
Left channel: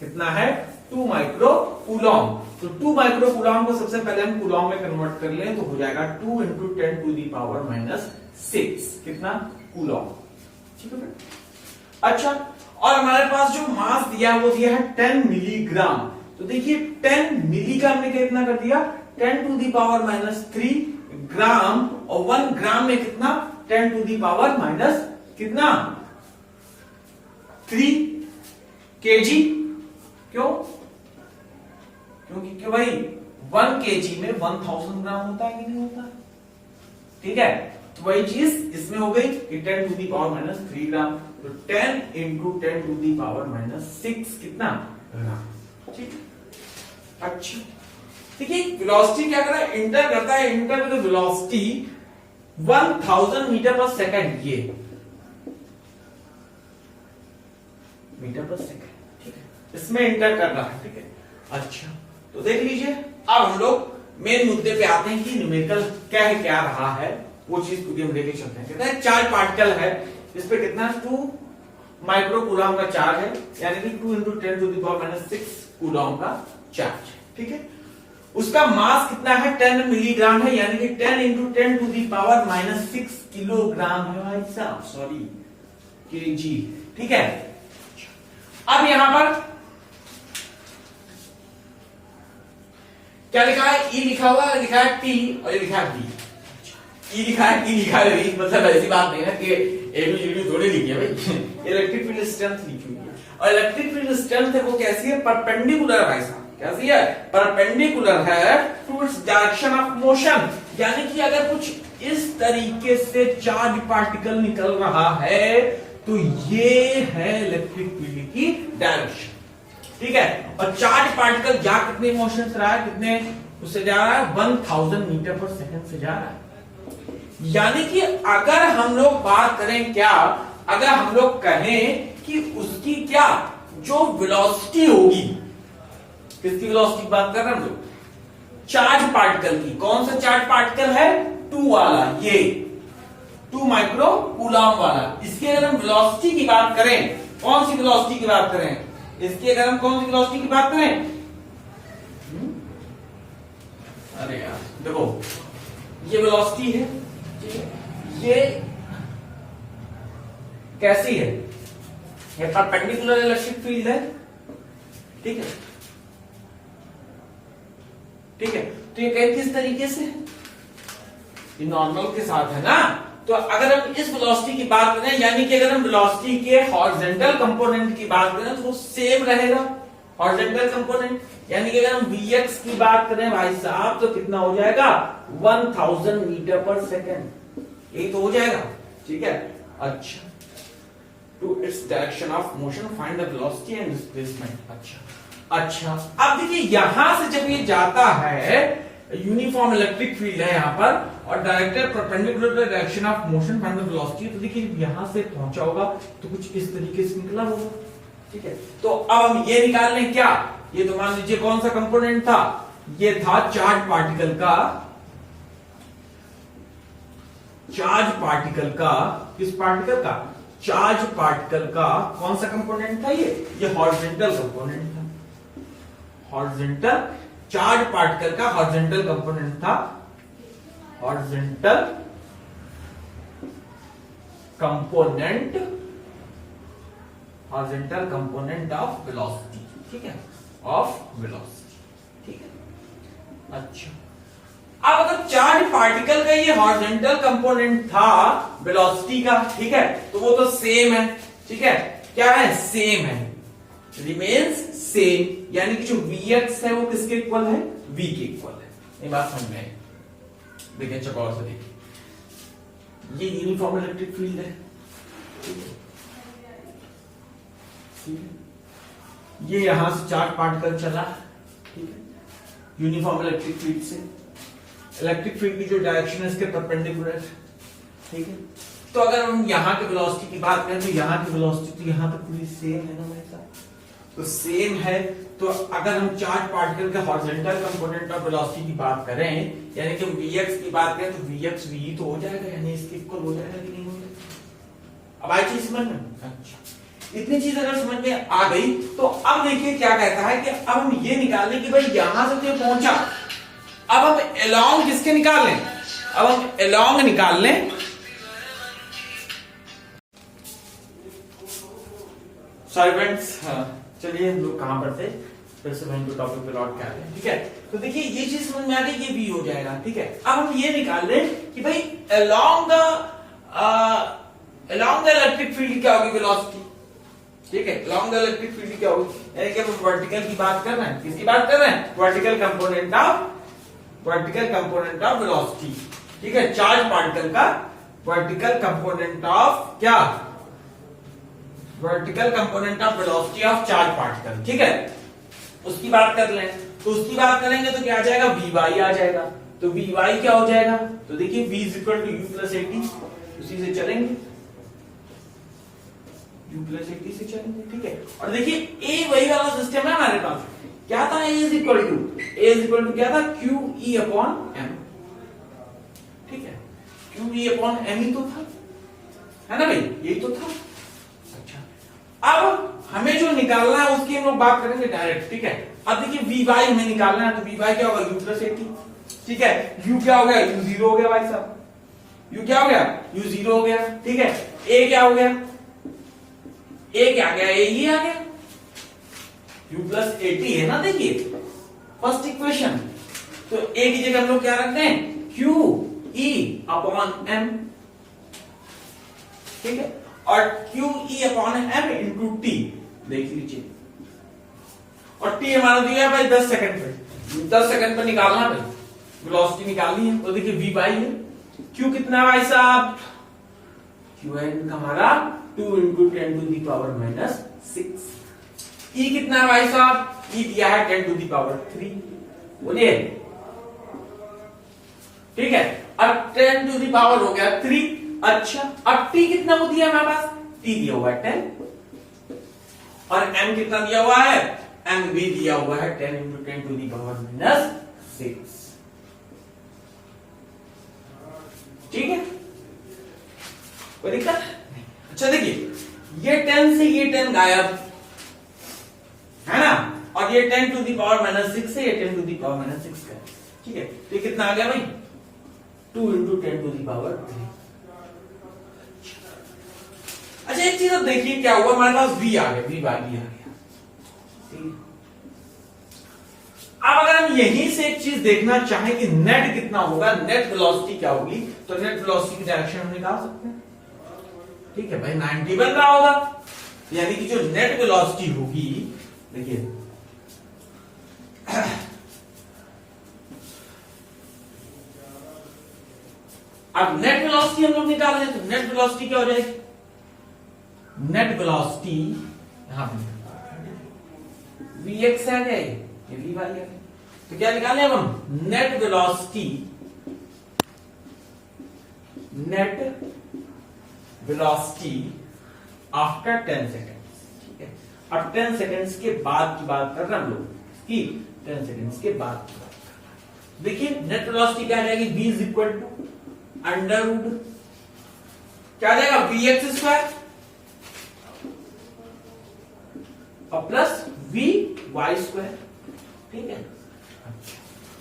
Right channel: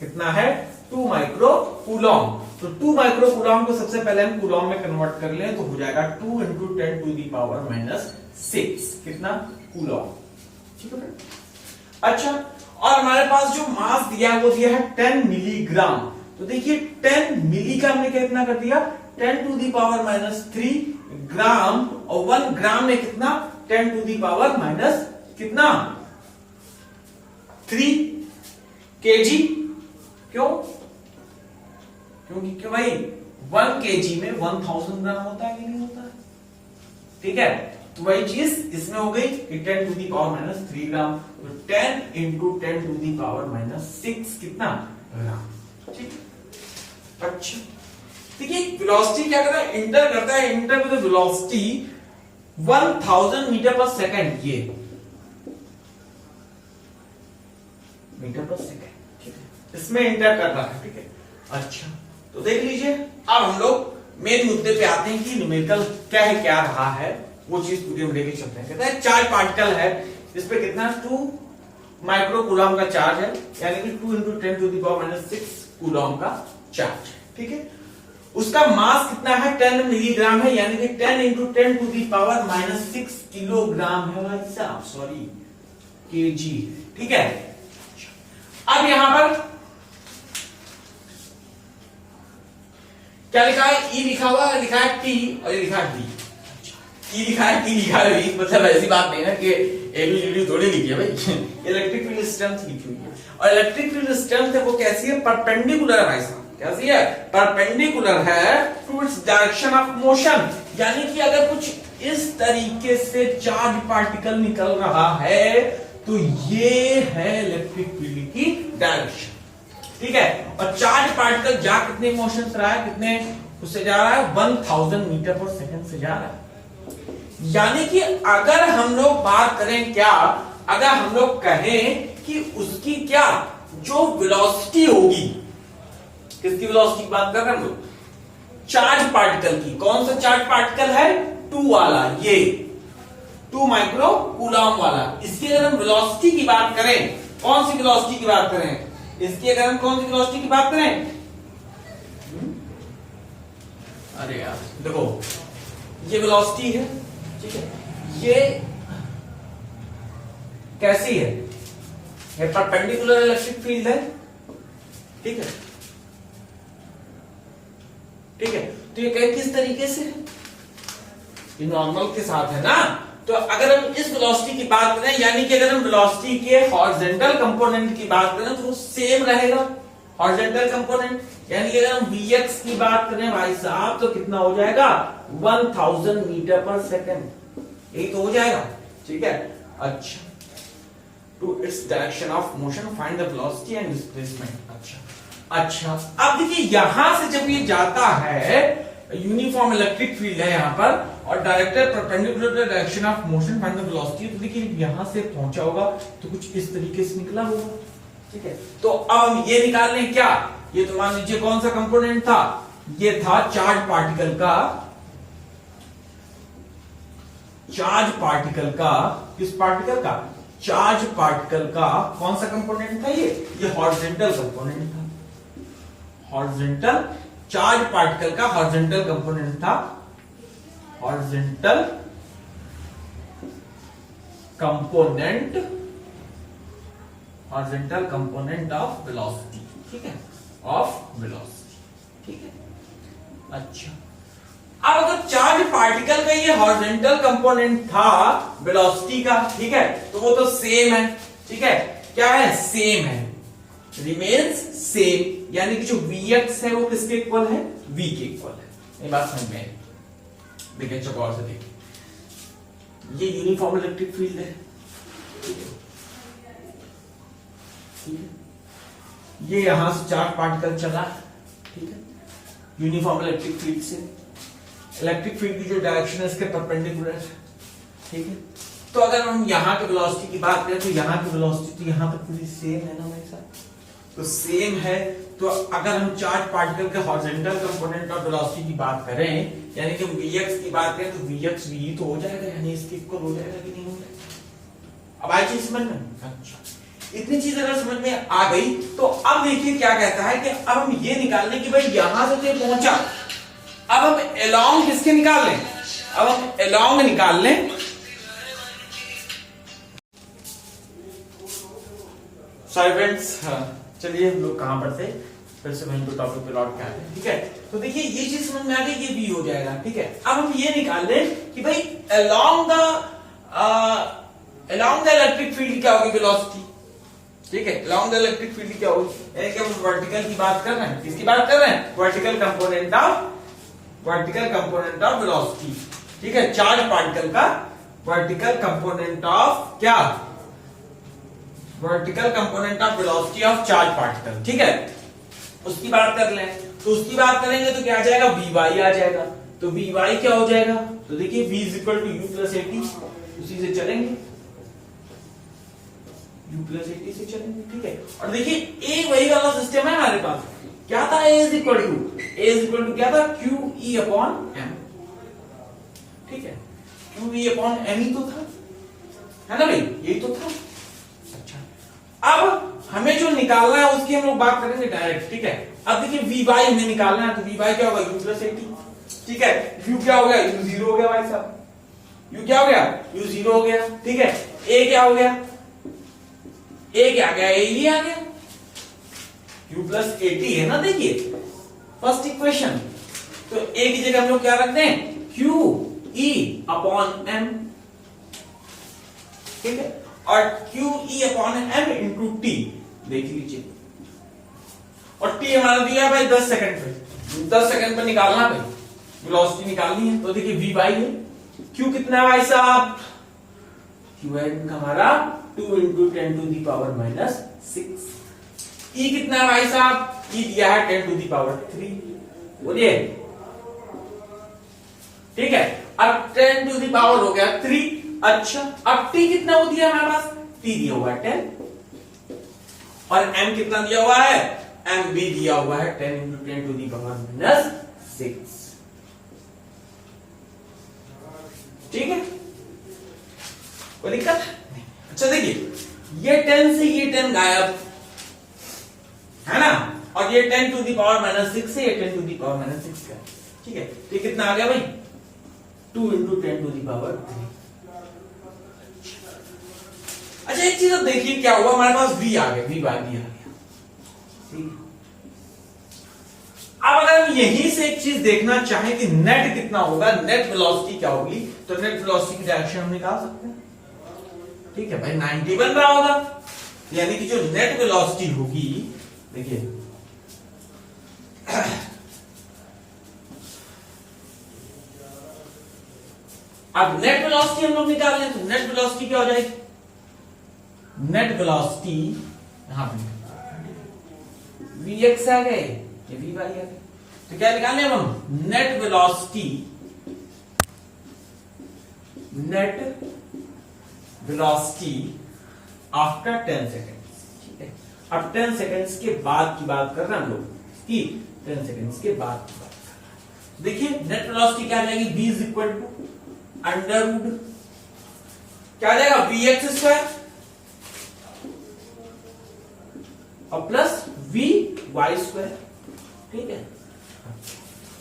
कितना है 2 माइक्रो कूलॉम, तो 2 माइक्रो कूलॉम को सबसे पहले हम कूलॉम में कन्वर्ट कर लें तो हो जाएगा 2 into 10 to the power minus 6, कितना कूलॉम, ठीक है। अच्छा और हमारे पास जो मास दिया है वो दिया है 10 मिलीग्राम, तो देखिए 10 मिली का हमने कितना कर दिया 10 टू दी पावर माइनस 3 ग्राम, और 1 ग्राम में कितना 10 टू दी पावर माइनस कितना 3 केजी, क्यों, क्योंकि क्यों भाई 1 केजी में 1000 ग्राम होता है कि नहीं होता है, ठीक है। तो वही चीज इसमें हो गई कि 10 to the power minus 3 gram, तो 10 into 10 to the power minus 6 कितना ग्राम, ठीक है। अच्छा देखिए वेलोसिटी क्या करता है, इंटर करता है, इंटर विद वेलोसिटी 1000 मीटर पर सेकंड, ये मीटर पर सेकंड, ठीक है, इसमें इंटर कर रहा है, ठीक है। अच्छा तो देख लीजिए अब हम लोग मेन मुद्दे पे आते हैं कि न्यूमेरिकल क्या है, क्या रहा है, वो चीज पूरी हम लेके चलते हैं। कहते हैं चार्ज पार्टिकल है जिसपे कितना 2 माइक्रो कूलॉम का चार्ज है, यानी कि 2 into 10 to the power minus 6 coulomb का चार्ज है, ठीक है। उसका मास कितना है 10 मिलीग्राम है, यानी कि 10 into 10 to the power minus 6 kilogram है भाई साहब, सॉरी केजी, ठीक है। अब यहां पर क्या लिखा है, ई लिखा हुआ है, लिखा है टी और ये लिखा है डी, ई लिखा है टी लिखा है वी, मतलब ऐसी बात नहीं है कि एबीसीडी थोड़ी लिखी है भाई, इलेक्ट्रिक फील्ड स्ट्रेंथ लिखी हुई है, और इलेक्ट्रिक फील्ड स्ट्रेंथ है वो कैसी है, परपेंडिकुलर है भाई साहब, कैसी है, परपेंडिकुलर है to its direction of motion, यानी कि अगर कुछ इस तरीके से चार्ज पार्टिकल निकल रहा है तो ये है इलेक्ट्रिक फील्ड की डायरेक्शन, ठीक है। और चार्ज पार्टिकल जा कितने मोशन से रहा है, कितने उससे जा रहा है 1000 मीटर पर सेकंड से जा रहा है, यानी कि अगर हम लोग बात करें क्या, अगर हम लोग कहें कि उसकी क्या जो वेलोसिटी होगी, किसकी वेलोसिटी की बात कर रहे हैं हम लोग, चार्ज पार्टिकल की, कौन सा चार्ज पार्टिकल है 2 वाला, ये 2 माइक्रो कूलॉम वाला, इसकी अगर हम वेलोसिटी की बात करें, कौन सी वेलोसिटी की बात करें, इसकी अगर हम कौन सी वेलोसिटी की बात करें, अरे यार देखो ये वेलोसिटी है, ठीक है, ये कैसी है, ये परपेंडिकुलर इलेक्ट्रिक फील्ड है, ठीक है, ठीक है। तो ये कहीं किस तरीके से है, ये नॉर्मल के साथ है ना, तो अगर हम इस वेलोसिटी की बात करें, यानी कि अगर हम वेलोसिटी के हॉरिजॉन्टल कंपोनेंट की बात करें तो वो सेम रहेगा, हॉरिजॉन्टल कंपोनेंट, यानी कि अगर हम Vx की बात करें भाई साहब तो कितना हो जाएगा 1000 मीटर पर सेकंड, यही तो हो जाएगा, ठीक है। अच्छा to its direction of motion find the velocity and displacement, अच्छा अब देखिए यहां से जब ये जाता है, यूनिफॉर्म इलेक्ट्रिक फील्ड है यहां पर, और directed perpendicular to direction of motion find the velocity, तो देखिए यहां से पहुंचा होगा तो कुछ इस तरीके से निकला होगा, ठीक है। तो अब हम ये निकाल लें क्या, ये तो मान लीजिए कौन सा कंपोनेंट था, ये था चार्ज पार्टिकल का, चार्ज पार्टिकल का, किस पार्टिकल का, चार्ज पार्टिकल का कौन सा कंपोनेंट था, ये हॉरिजॉन्टल कंपोनेंट था, हॉरिजॉन्टल चार्ज पार्टिकल का हॉरिजॉन्टल कंपोनेंट था, horizontal component, horizontal component of velocity, ठीक है, ऑफ वेलोसिटी, ठीक है। अच्छा अब अगर चार्ज पार्टिकल का ये हॉरिजॉन्टल कंपोनेंट था वेलोसिटी का, ठीक है, तो वो तो सेम है, ठीक है, क्या है सेम है, रिमेन्स सेम, यानी कि जो Vx है वो किसके इक्वल है, V के इक्वल है, ये बात समझ में आई, देखिए चौकोर से देखिए, ये यूनिफॉर्म इलेक्ट्रिक फील्ड है, ठीक है, ये यहां से चार्ज पार्टिकल चला, ठीक है, यूनिफॉर्म इलेक्ट्रिक फील्ड से, इलेक्ट्रिक फील्ड की जो डायरेक्शन है इसके परपेंडिकुलर, ठीक है। तो अगर हम यहाँ के वेलोसिटी की बात करें तो यहाँ की वेलोसिटी तो यहाँ पर पूरी सेम है ना मेरे साथ, तो सेम है। तो अगर हम चार्ज पार्टिकल के हॉरिजॉन्टल कंपोनेंट ऑफ वेलोसिटी की बात करें, यानी कि Vx की बात करें, तो Vx V तो हो जाएगा, यानी इसके इक्वल हो जाएगा कि नहीं हो जाएगा। अब आई चीज समझ में, अच्छा, इतनी चीज अगर समझ में आ गई तो अब देखिए क्या कहता है कि अब हम ये निकाल लें कि भाई यहां से तो ये पहुंचा, अब हम अलोंग किसके निकाल लें, अब हम अलोंग निकाल लें, सॉरी फ्रेंड्स, चलिए हम लोग कहां पर थे, फिर से वहीं टॉपिक पे लौट के आते हैं, ठीक है। तो देखिए ये चीज समझ में आ गई, ये भी हो जाएगा, ठीक है। अब हम ये निकाल लें कि भाई अलोंग द इलेक्ट्रिक फील्ड क्या होगी वेलोसिटी, ठीक है, अलोंग द इलेक्ट्रिक फील्ड क्या होगी, यानी कि हम वर्टिकल की बात कर रहे हैं, किसकी बात कर रहे हैं, वर्टिकल कंपोनेंट ऑफ वेलोसिटी, ठीक है, चार्ज पार्टिकल का वर्टिकल कंपोनेंट ऑफ क्या, vertical component of velocity of charge particle, ठीक है, उसकी बात कर लें। तो उसकी बात करेंगे तो क्या आ जाएगा, Vy आ जाएगा। तो Vy क्या हो जाएगा, तो देखिए V equal to U plus a t, उसी से चलेंगे, U प्लस एटी से चलेंगे, ठीक है। और देखिए A वही वाला सिस्टम है हमारे पास, क्या था, A इज इक्वल टू क्या था, QE अपॉन M, ठीक है, QE अपॉन M ही तो था, है ना भाई, यही तो था। अब हमें जो निकालना है उसकी हम लोग बात करेंगे डायरेक्ट, ठीक है। अब देखिए Vy हमें निकालना है, तो Vy क्या होगा, U प्लस एटी, ठीक है, U क्या हो गया, U जीरो हो गया भाई साहब, U क्या हो गया, U जीरो हो गया, ठीक है। A क्या हो गया, A क्या आ गया, A ही आ गया, U प्लस एटी है ना, देखिए फर्स्ट इक्वेशन। तो A की जगह हम लोग क्या रखते हैं, QE अपॉन M, ठीक है, और QE upon M into T देख लीजिए, और T हमारा दिया भाई 10 सेकंड पे, 10 सेकंड पे निकालना भाई, वेलोसिटी निकालनी है। तो देखिए Vy है, Q कितना है भाई साहब, Q है हमारा 2 into 10 to the power minus 6, E कितना है भाई साहब, E दिया है 10 टू दी पावर 3, बोलिए, ठीक है। अब 10 टू दी पावर हो गया 3, अच्छा, अब T कितना वो दिया हमारे पास, T दिया हुआ है 10, और M कितना दिया हुआ है, M भी दिया हुआ है 10 into 10 to the power minus 6, ठीक है, कोई दिक्कत। अच्छा देखिए ये 10 से ये 10 गायब है ना, और ये 10 टू दी पावर माइनस 6 से ये 10 टू दी पावर माइनस 6 का, ठीक है। तो ये कितना आ गया भाई, 2 इंटू 10 टू दी पावर 3। अच्छा एक चीज देखिए क्या हुआ, हमारे पास V आ गया, Vy भी आ गया, ठीक है। अब अगर हम यहीं से एक चीज देखना चाहें कि नेट कितना होगा, नेट वेलोसिटी क्या होगी, तो नेट वेलोसिटी की डायरेक्शन हम निकाल सकते हैं, ठीक है भाई, 90 बन रहा होगा, यानी कि जो नेट वेलोसिटी होगी, देखिए अब नेट वेलोसिटी हम लोग निकाल लें, तो नेट वेलोसिटी क्या हो जाएगी, नेट वेलोसिटी यहां Vx आ गए, ये Vy आ गए, तो क्या निकालने हम, नेट वेलोसिटी आफ्टर 10 सेकेंड्स, ठीक है। अब 10 सेकेंड्स के बाद की बात कर रहे हैं हम लोग, की 10 सेकेंड्स के बाद की बात कर रहे हैं। देखिए नेट वेलोसिटी क्या आ जाएगी, V is equal to under root क्या आ जाएगा, Vx स्क्वायर और प्लस Vy स्क्वायर, ठीक है।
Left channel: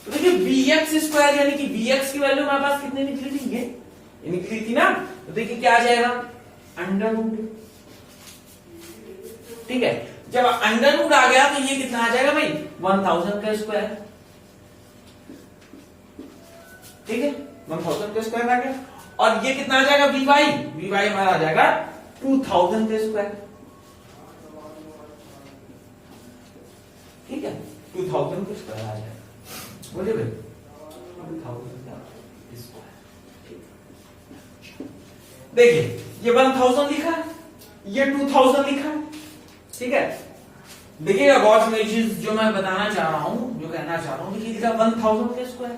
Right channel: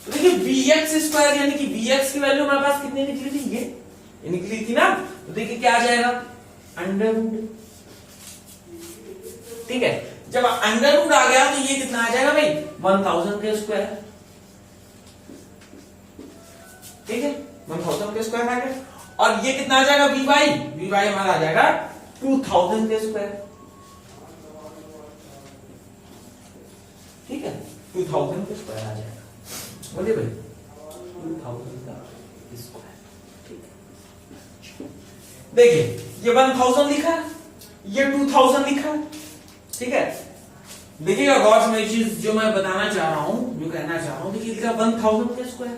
तो देखिए Vx स्क्वायर यानी कि Vx की वैल्यू हमारे पास कितनी निकली थी, ये निकली थी ना, तो देखिए क्या आ जाएगा, अंडर रूट, ठीक है। जब अंडर रूट आ गया तो ये कितना आ जाएगा भाई, 1000 का स्क्वायर, ठीक है, 1000 का स्क्वायर आ गया, और ये कितना आ जाएगा, Vy हमारा आ जाएगा 2000 का स्क्वायर, ठीक है, 2000 का स्क्वायर आ जाएगा, बोलिए भाई 2000 का स्क्वायर, ठीक है। देखिए ये 1000 लिखा है, ये 2000 लिखा है, ठीक है, देखिएगा गौर से मेरी चीज जो मैं बताना चाह रहा हूं, जो कहना चाह रहा हूं, देखिए 1000 के स्क्वायर,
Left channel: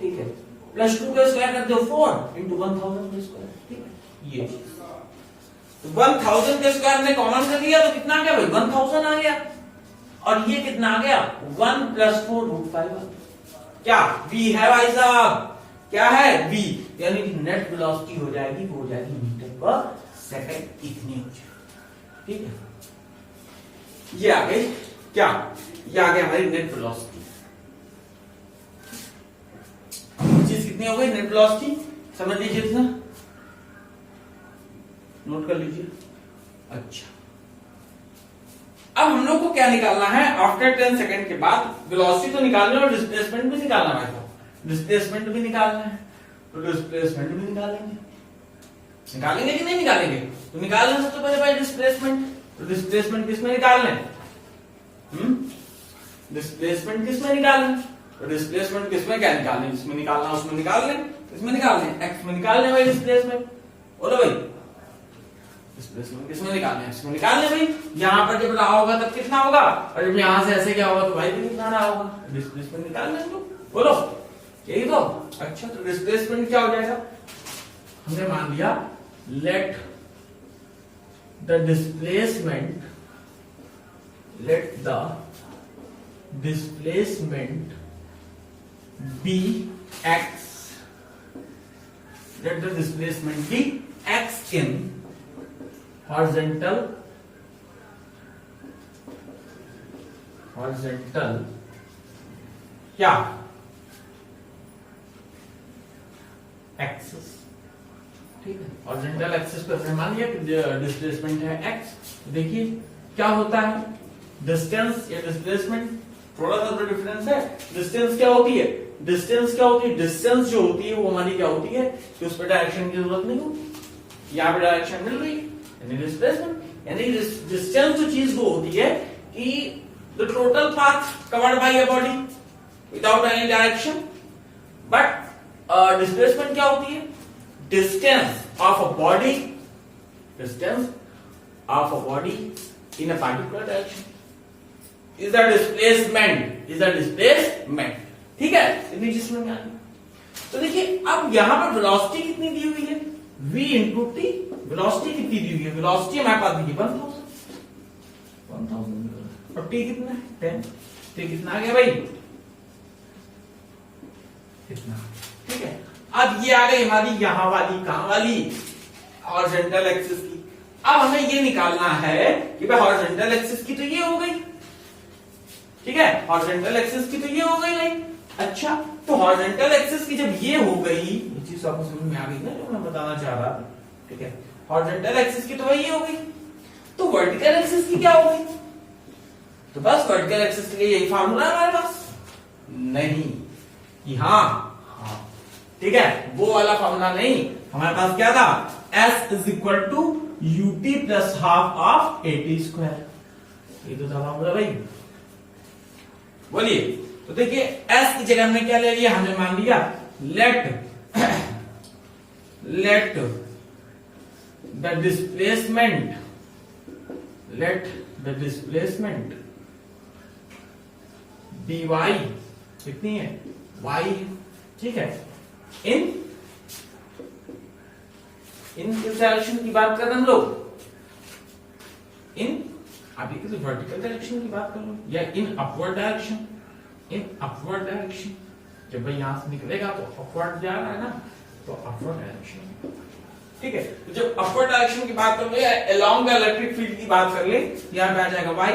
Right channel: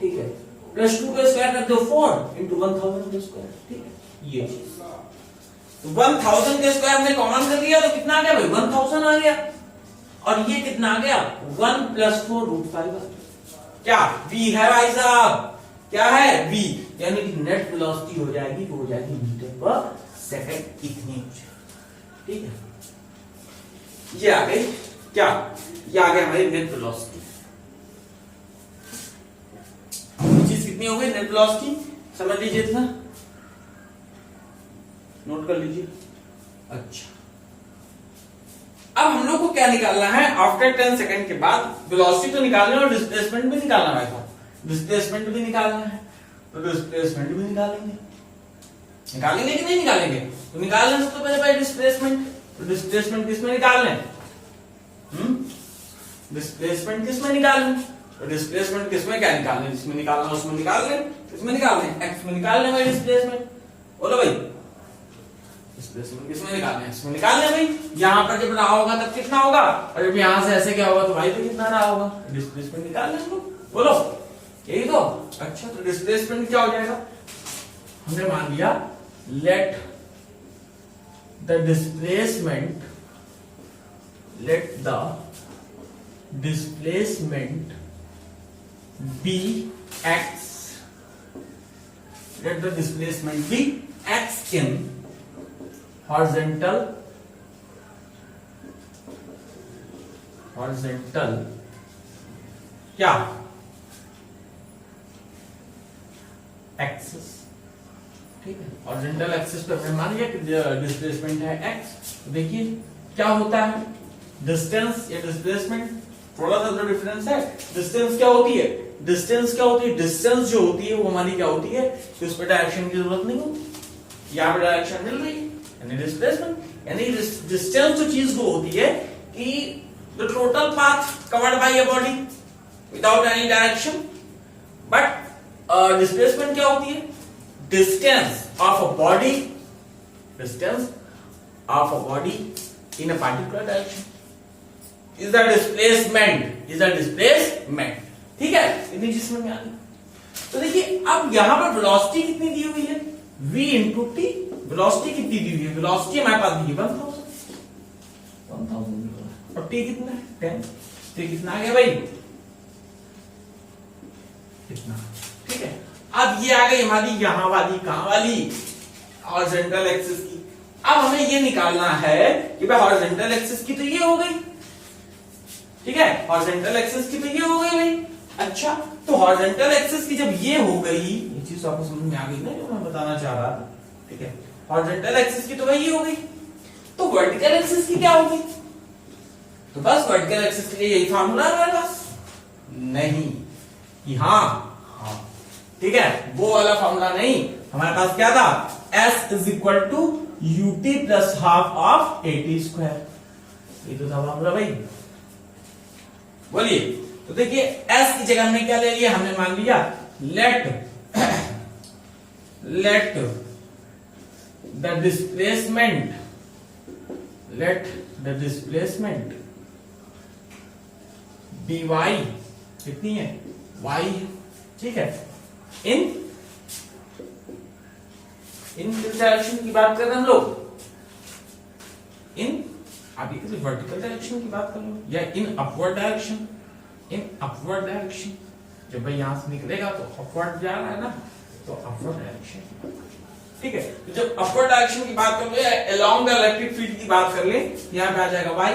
ठीक है, प्लस 2 का स्क्वायर कर दो 4 इंटू 1000 का स्क्वायर, ठीक है, ये चीज 1000 के स्क्वायर में कॉमन कर लिया तो कितना आ गया भाई 1000 आ गया, और ये कितना आ गया 1 प्लस 4 रूट 5 क्या v है भाई साहब, क्या है v, यानी नेट वेलोसिटी हो जाएगी, वो हो जाएगी मीटर पर सेकंड इतनी हो जाएगी, ठीक है, ये आ गई क्या, ये आ गई हमारी नेट वेलोसिटी, चीज कितनी हो गई नेट वेलोसिटी, समझ लीजिए था, नोट कर लीजिए। अच्छा, अब हम लोग को क्या निकालना है, आफ्टर 10 सेकंड के बाद वेलोसिटी तो निकालना है और डिस्प्लेसमेंट भी निकालना है, डिस्प्लेसमेंट भी निकालना है, तो डिस्प्लेसमेंट भी निकालेंगे, निकालेंगे कि नहीं निकालेंगे, तो निकालना सबसे पहले भाई डिस्प्लेसमेंट, तो डिस्प्लेसमेंट किसमें निकालना है, डिस्प्लेसमेंट किसमें निकालना है, तो डिस्प्लेसमेंट किसमें क्या निकालना है, जिसमें निकालना है उसमें निकाल लें, किसमें निकालना है एक्स में निकालने भाई डिस्प्लेसमेंट, बोलो भाई डिस्प्लेसमेंट किसमें निकालना है, इसमें निकालने भाई, यहां पर जब रहा होगा तब कितना होगा, और जब यहां से ऐसे क्या होगा तो भाई भी कितना रहा होगा, डिस्प्लेसमेंट निकालना है, बोलो यही तो। अच्छा, तो डिस्प्लेसमेंट क्या हो जाएगा, हमने मान लिया let the displacement be x, let the displacement be x in horizontal क्या एक्सिस, ठीक है, हॉरिजॉन्टल एक्सिस पे हमने मान लिया कि डिस्प्लेसमेंट है x, तो देखिए क्या होता है, डिस्टेंस या डिस्प्लेसमेंट थोड़ा सा तो डिफरेंस है, डिस्टेंस क्या होती है, डिस्टेंस जो होती है वो हमारी क्या होती है कि उस पर डायरेक्शन की जरूरत नहीं होती, यहाँ पे डायरेक्शन मिल रही है, यानी डिस्प्लेसमेंट, यानी डिस्टेंस जो चीज वो होती है कि the total path covered by a body without any direction, but displacement क्या होती है, distance of a body in a particular direction is the displacement, ठीक है, इतनी चीज में आ गई। तो देखिए अब यहां पर वेलोसिटी कितनी दी हुई है, v इंटू टी, वेलोसिटी कितनी दी हुई है, वेलोसिटी हमारे पास दी है 1000 और टी कितना है 10, तो कितना आ गया भाई कितना, ठीक है, अब ये आ गई हमारी यहां वाली कहां वाली हॉरिजॉन्टल एक्सिस की, अब हमें ये निकालना है कि भाई हॉरिजॉन्टल एक्सिस की तो ये हो गई, ठीक है, हॉरिजॉन्टल एक्सिस की तो ये हो गई भाई। अच्छा, तो हॉरिजॉन्टल एक्सिस की जब ये हो गई, ये चीज आपको समझ में आ गई ना जो मैं बताना चाह रहा था, ठीक है, हॉरिजॉन्टल एक्सिस की तो भाई ये हो गई, तो वर्टिकल एक्सिस की क्या होगी, तो बस वर्टिकल एक्सिस के लिए यही फार्मूला है हमारे पास, नहीं कि हाँ, ठीक है, वो वाला फार्मूला नहीं, हमारे पास क्या था, S is equal to u t plus half of a t square, ये तो था फार्मूला भाई, बोलिए। तो देखिए S की जगह हमने क्या ले लिया, हमने मान लिया लेट द डिस्प्लेसमेंट dy कितनी है y, ठीक है, इन किस डायरेक्शन की बात कर रहे हैं हम लोग, इन अभी किसी वर्टिकल डायरेक्शन की बात कर लो या इन अपवर्ड डायरेक्शन, जब भाई यहां से निकलेगा तो अपवर्ड जा रहा है ना, तो अपवर्ड डायरेक्शन, ठीक है, तो जब अपवर्ड डायरेक्शन की बात कर लो या अलोंग द इलेक्ट्रिक फील्ड की बात कर ले, यहां पे आ जाएगा वाई।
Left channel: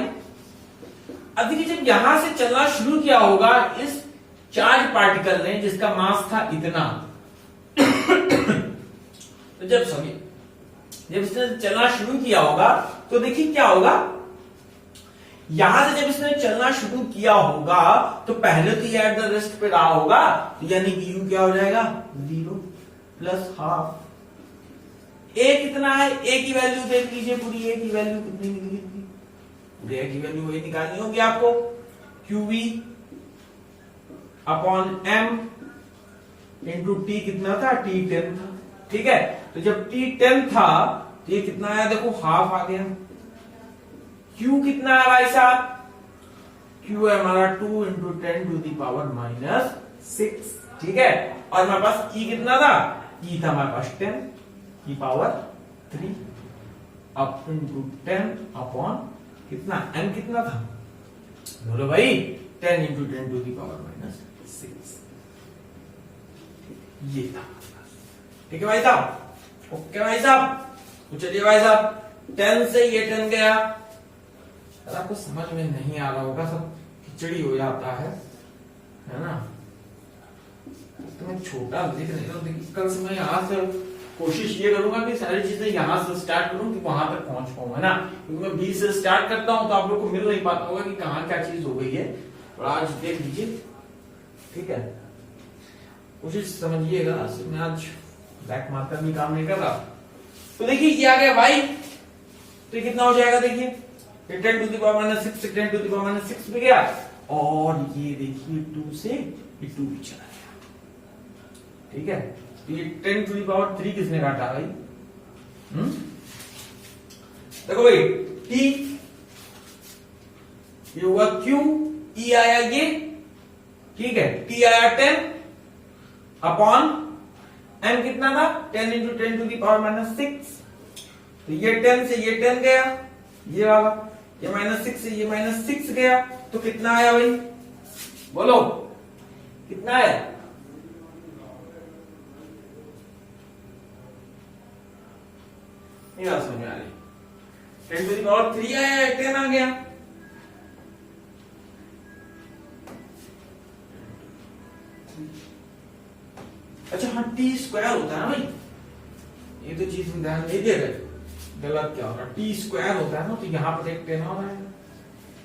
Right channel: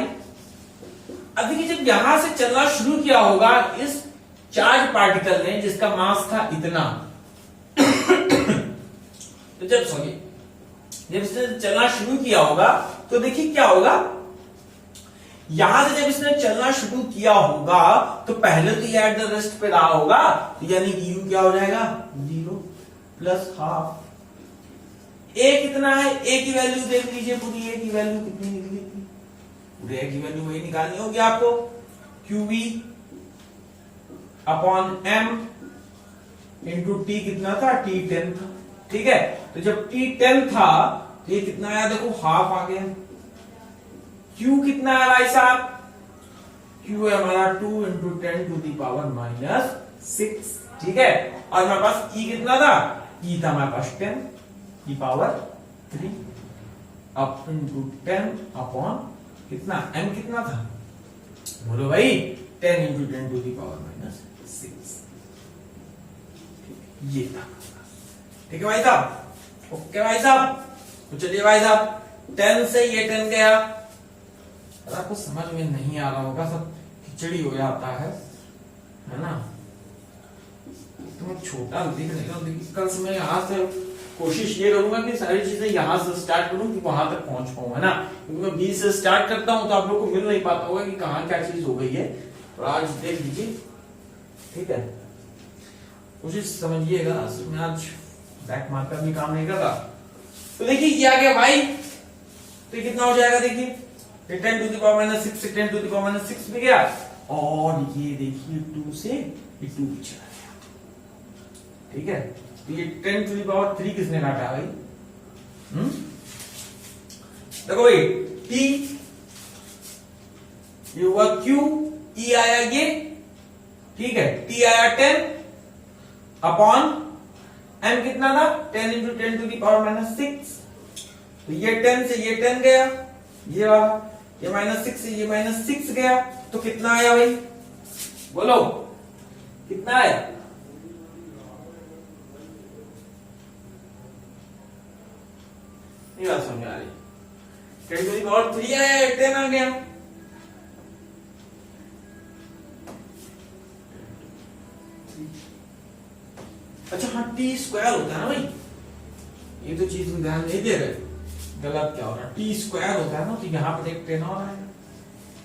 अब देखिए जब यहां से चलना शुरू किया होगा इस चार्ज पार्टिकल ने जिसका मास था इतना तो जब इसने चलना शुरू किया होगा तो देखिए क्या होगा, यहां से जब इसने चलना शुरू किया होगा तो पहले तो ये एट द रेस्ट पे रहा होगा, तो यानी कि u क्या हो जाएगा 0 प्लस हाफ, a कितना है, a की वैल्यू देख लीजिए, पूरी a की वैल्यू कितनी निकली थी, पूरी a की वैल्यू वही निकालनी होगी आपको, qv upon m into t कितना था, t 10 था, ठीक है, तो जब t 10 था तो ये कितना आया देखो हाफ आ गया। Q कितना है भाई साहब? Q है हमारा 2 into 10 to the power minus 6, ठीक है। और हमारे पास E कितना था? E था हमारे पास 10 की पावर 3 अप इंटू 10 अपॉन कितना m कितना था बोलो भाई 10 into 10 to the power minus 6, ये था। ठीक है भाई साहब, ओके भाई साहब। तो चलिए भाई साहब 10 से ये 10 गया। अगर आपको समझ में नहीं आ रहा होगा, सब खिचड़ी हो जाता है ना। तो मैं छोटा दिख रहा हूँ, देखिए कल से मैं यहाँ से कोशिश ये करूंगा कि सारी चीजें यहाँ से स्टार्ट करूं कि वहां तक पहुंच पाऊं, है ना। क्योंकि मैं 20 से स्टार्ट करता हूं तो आप लोग को मिल नहीं पाता होगा कि कहाँ क्या चीज हो गई है। तो आज देख लीजिए, ठीक है, कोशिश समझिएगा। मैं आज ब्लैक मार्कर भी काम नहीं कर रहा। तो देखिए ये आ गया भाई, तो ये कितना हो जाएगा देखिए 10 टू द पावर माइनस 6 से 10 टू द पावर माइनस 6 भी गया, और ये देखिए 2 से ये 2 भी चला गया, ठीक है। तो ये 10 टू द पावर 3 किसने काटा भाई? देखो भाई T ये हुआ Q, E आया ये, ठीक है, T आया 10 अपॉन M कितना था 10 into 10 to the power minus 6। तो ये 10 से ये 10 गया, ये वाला, ये माइनस 6 से ये माइनस 6 गया, तो कितना आया भाई बोलो कितना है? नहीं बात समझ आ रही। 10 टू द पावर 3 आया, 10 आ गया। अच्छा हाँ, टी स्क्वायर होता है ना भाई, ये तो चीज में ध्यान नहीं दे रहे, गलत क्या हो रहा है, टी स्क्वायर होता है ना, तो यहां पर एक 10 और है,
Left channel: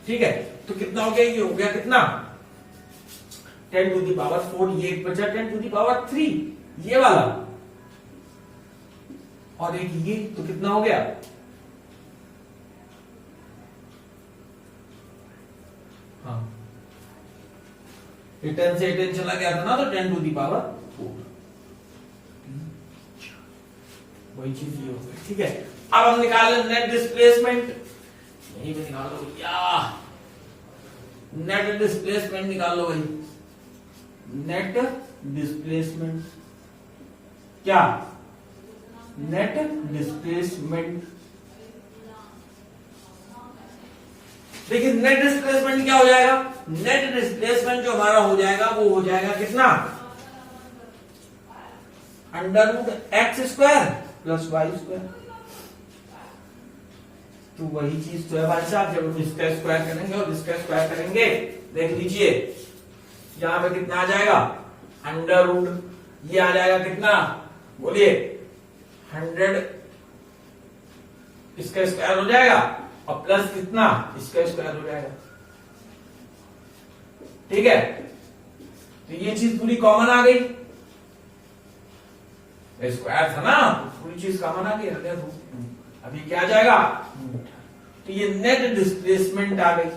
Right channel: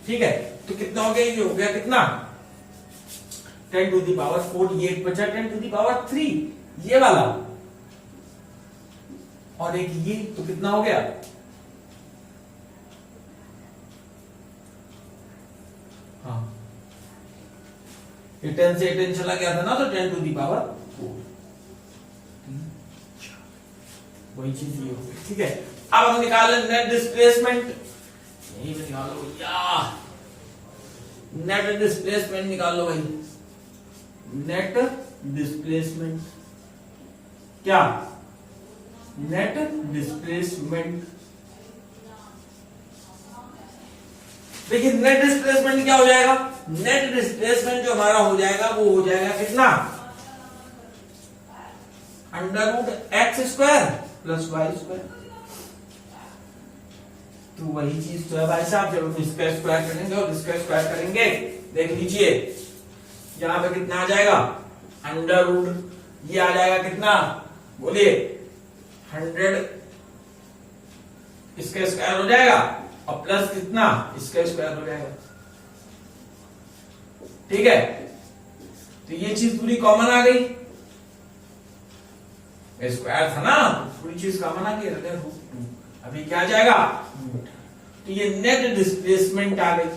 ठीक है। तो कितना हो गया? ये हो गया कितना 10 टू द पावर 4, ये एक बचा 10 टू द पावर 3 ये वाला, और एक ये, तो कितना हो गया? हाँ, ये 10 से 10 चला गया था ना, तो 10 टू द पावर 4, वही चीज ये हो गई, ठीक है। अब हम निकालें नेट डिस्प्लेसमेंट, यही निकालो भैया, नेट डिस्प्लेसमेंट निकालो भाई। नेट डिस्प्लेसमेंट क्या? नेट डिस्प्लेसमेंट, देखिए नेट डिस्प्लेसमेंट क्या हो जाएगा? नेट डिस्प्लेसमेंट जो हमारा हो जाएगा वो हो जाएगा कितना? Under root x square plus y square. तो वही चीज तो है भाई साहब, जब हम इसका स्क्वायर करेंगे और इसका स्क्वायर करेंगे, देख लीजिए यहां पे कितना आ जाएगा? अंडर रूट, ये आ जाएगा कितना बोलिए 100, इसका स्क्वायर हो जाएगा, और प्लस कितना इसका स्क्वायर हो जाएगा, ठीक है। तो ये चीज पूरी कॉमन आ गई, स्क्वायर था ना, पूरी चीज कॉमन आ गई, अभी क्या आ जाएगा? तो ये नेट डिस्प्लेसमेंट आ गई,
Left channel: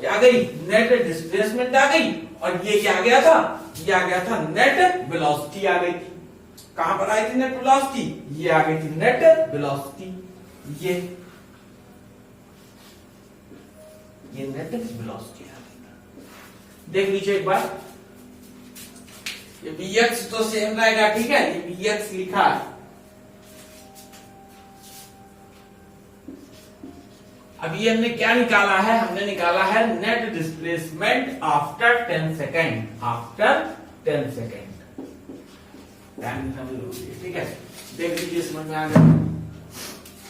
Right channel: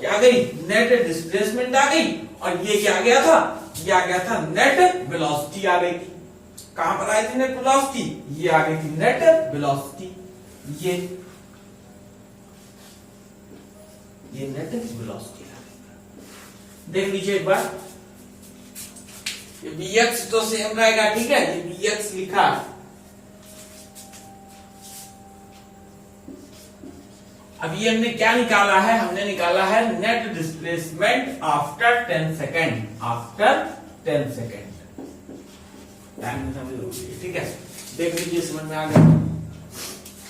क्या आ गई? नेट डिस्प्लेसमेंट आ गई, और ये क्या आ गया था? ये आ गया था नेट वेलोसिटी आ गई थी। कहां पर आई थी नेट वेलोसिटी? ये आ गई थी नेट वेलोसिटी, ये नेट वेलोसिटी आ गई। देख लीजिए एक बार, ये bx तो सेम रहेगा, ठीक है, ये bx लिखा है। अभी हमने क्या निकाला है? हमने निकाला है net displacement after 10 second, after 10 second, ठीक है। देख लीजिए, समझ में आ गया,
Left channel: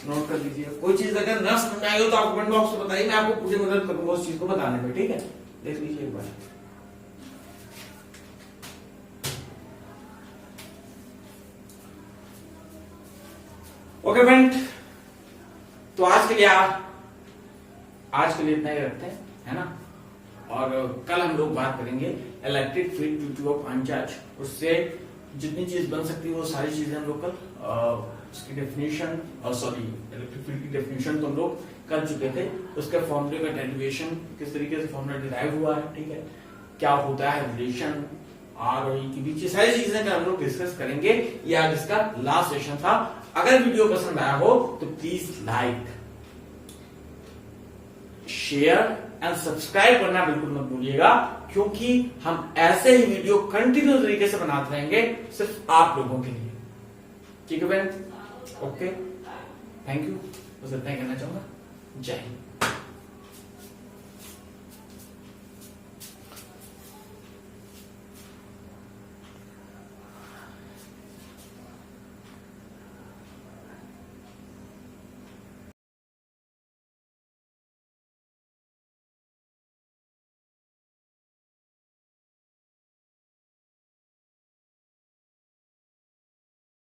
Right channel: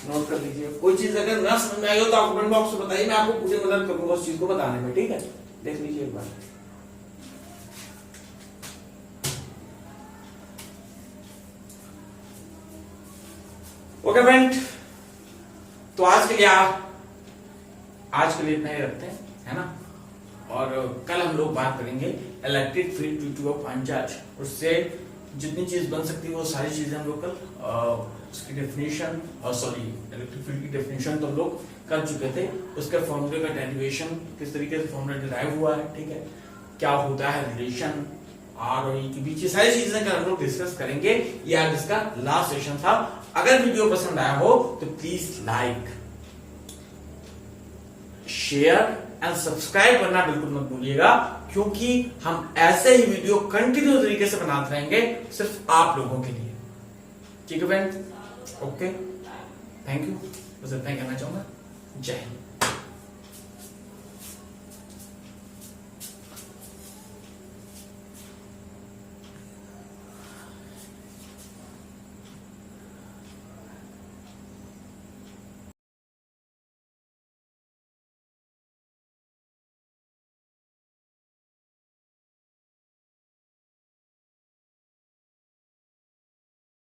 नोट कर लीजिए। कोई चीज अगर ना समझ में आई हो तो आप कमेंट बॉक्स में बताइए, मैं आपको पूरी मदद करूंगा उस चीज को बताने में, ठीक है। देख लीजिए एक बार, ओके फ्रेंड। तो आज के लिए इतना ही रखते हैं, है ना। और कल हम लोग बात करेंगे electric field due to uncharged, उससे जितनी चीज बन सकती है वो सारी चीजें हम लोग कल उसकी डेफिनेशन, सॉरी इलेक्ट्रिक फील्ड की डेफिनेशन तो हम लोग कर चुके थे, उसके फॉर्मूले का डेरिवेशन किस तरीके से फॉर्मूला डिराइव हुआ है, ठीक है, क्या होता है रिलेशन, आर और ई के बीच, ये सारी चीजें हम लोग डिस्कस करेंगे। ये आज इसका लास्ट सेशन था। अगर वीडियो पसंद आया हो तो please like, share and subscribe करना बिल्कुल मत भूलिएगा, क्योंकि हम ऐसे ही वीडियो कंटिन्यू तरीके से बनाते रहेंगे सिर्फ आप लोगों के लिए। ठीक है फ्रेंड्स, ओके, थैंक यू, बस इतना ही कहना चाहूंगा। जय हिंद।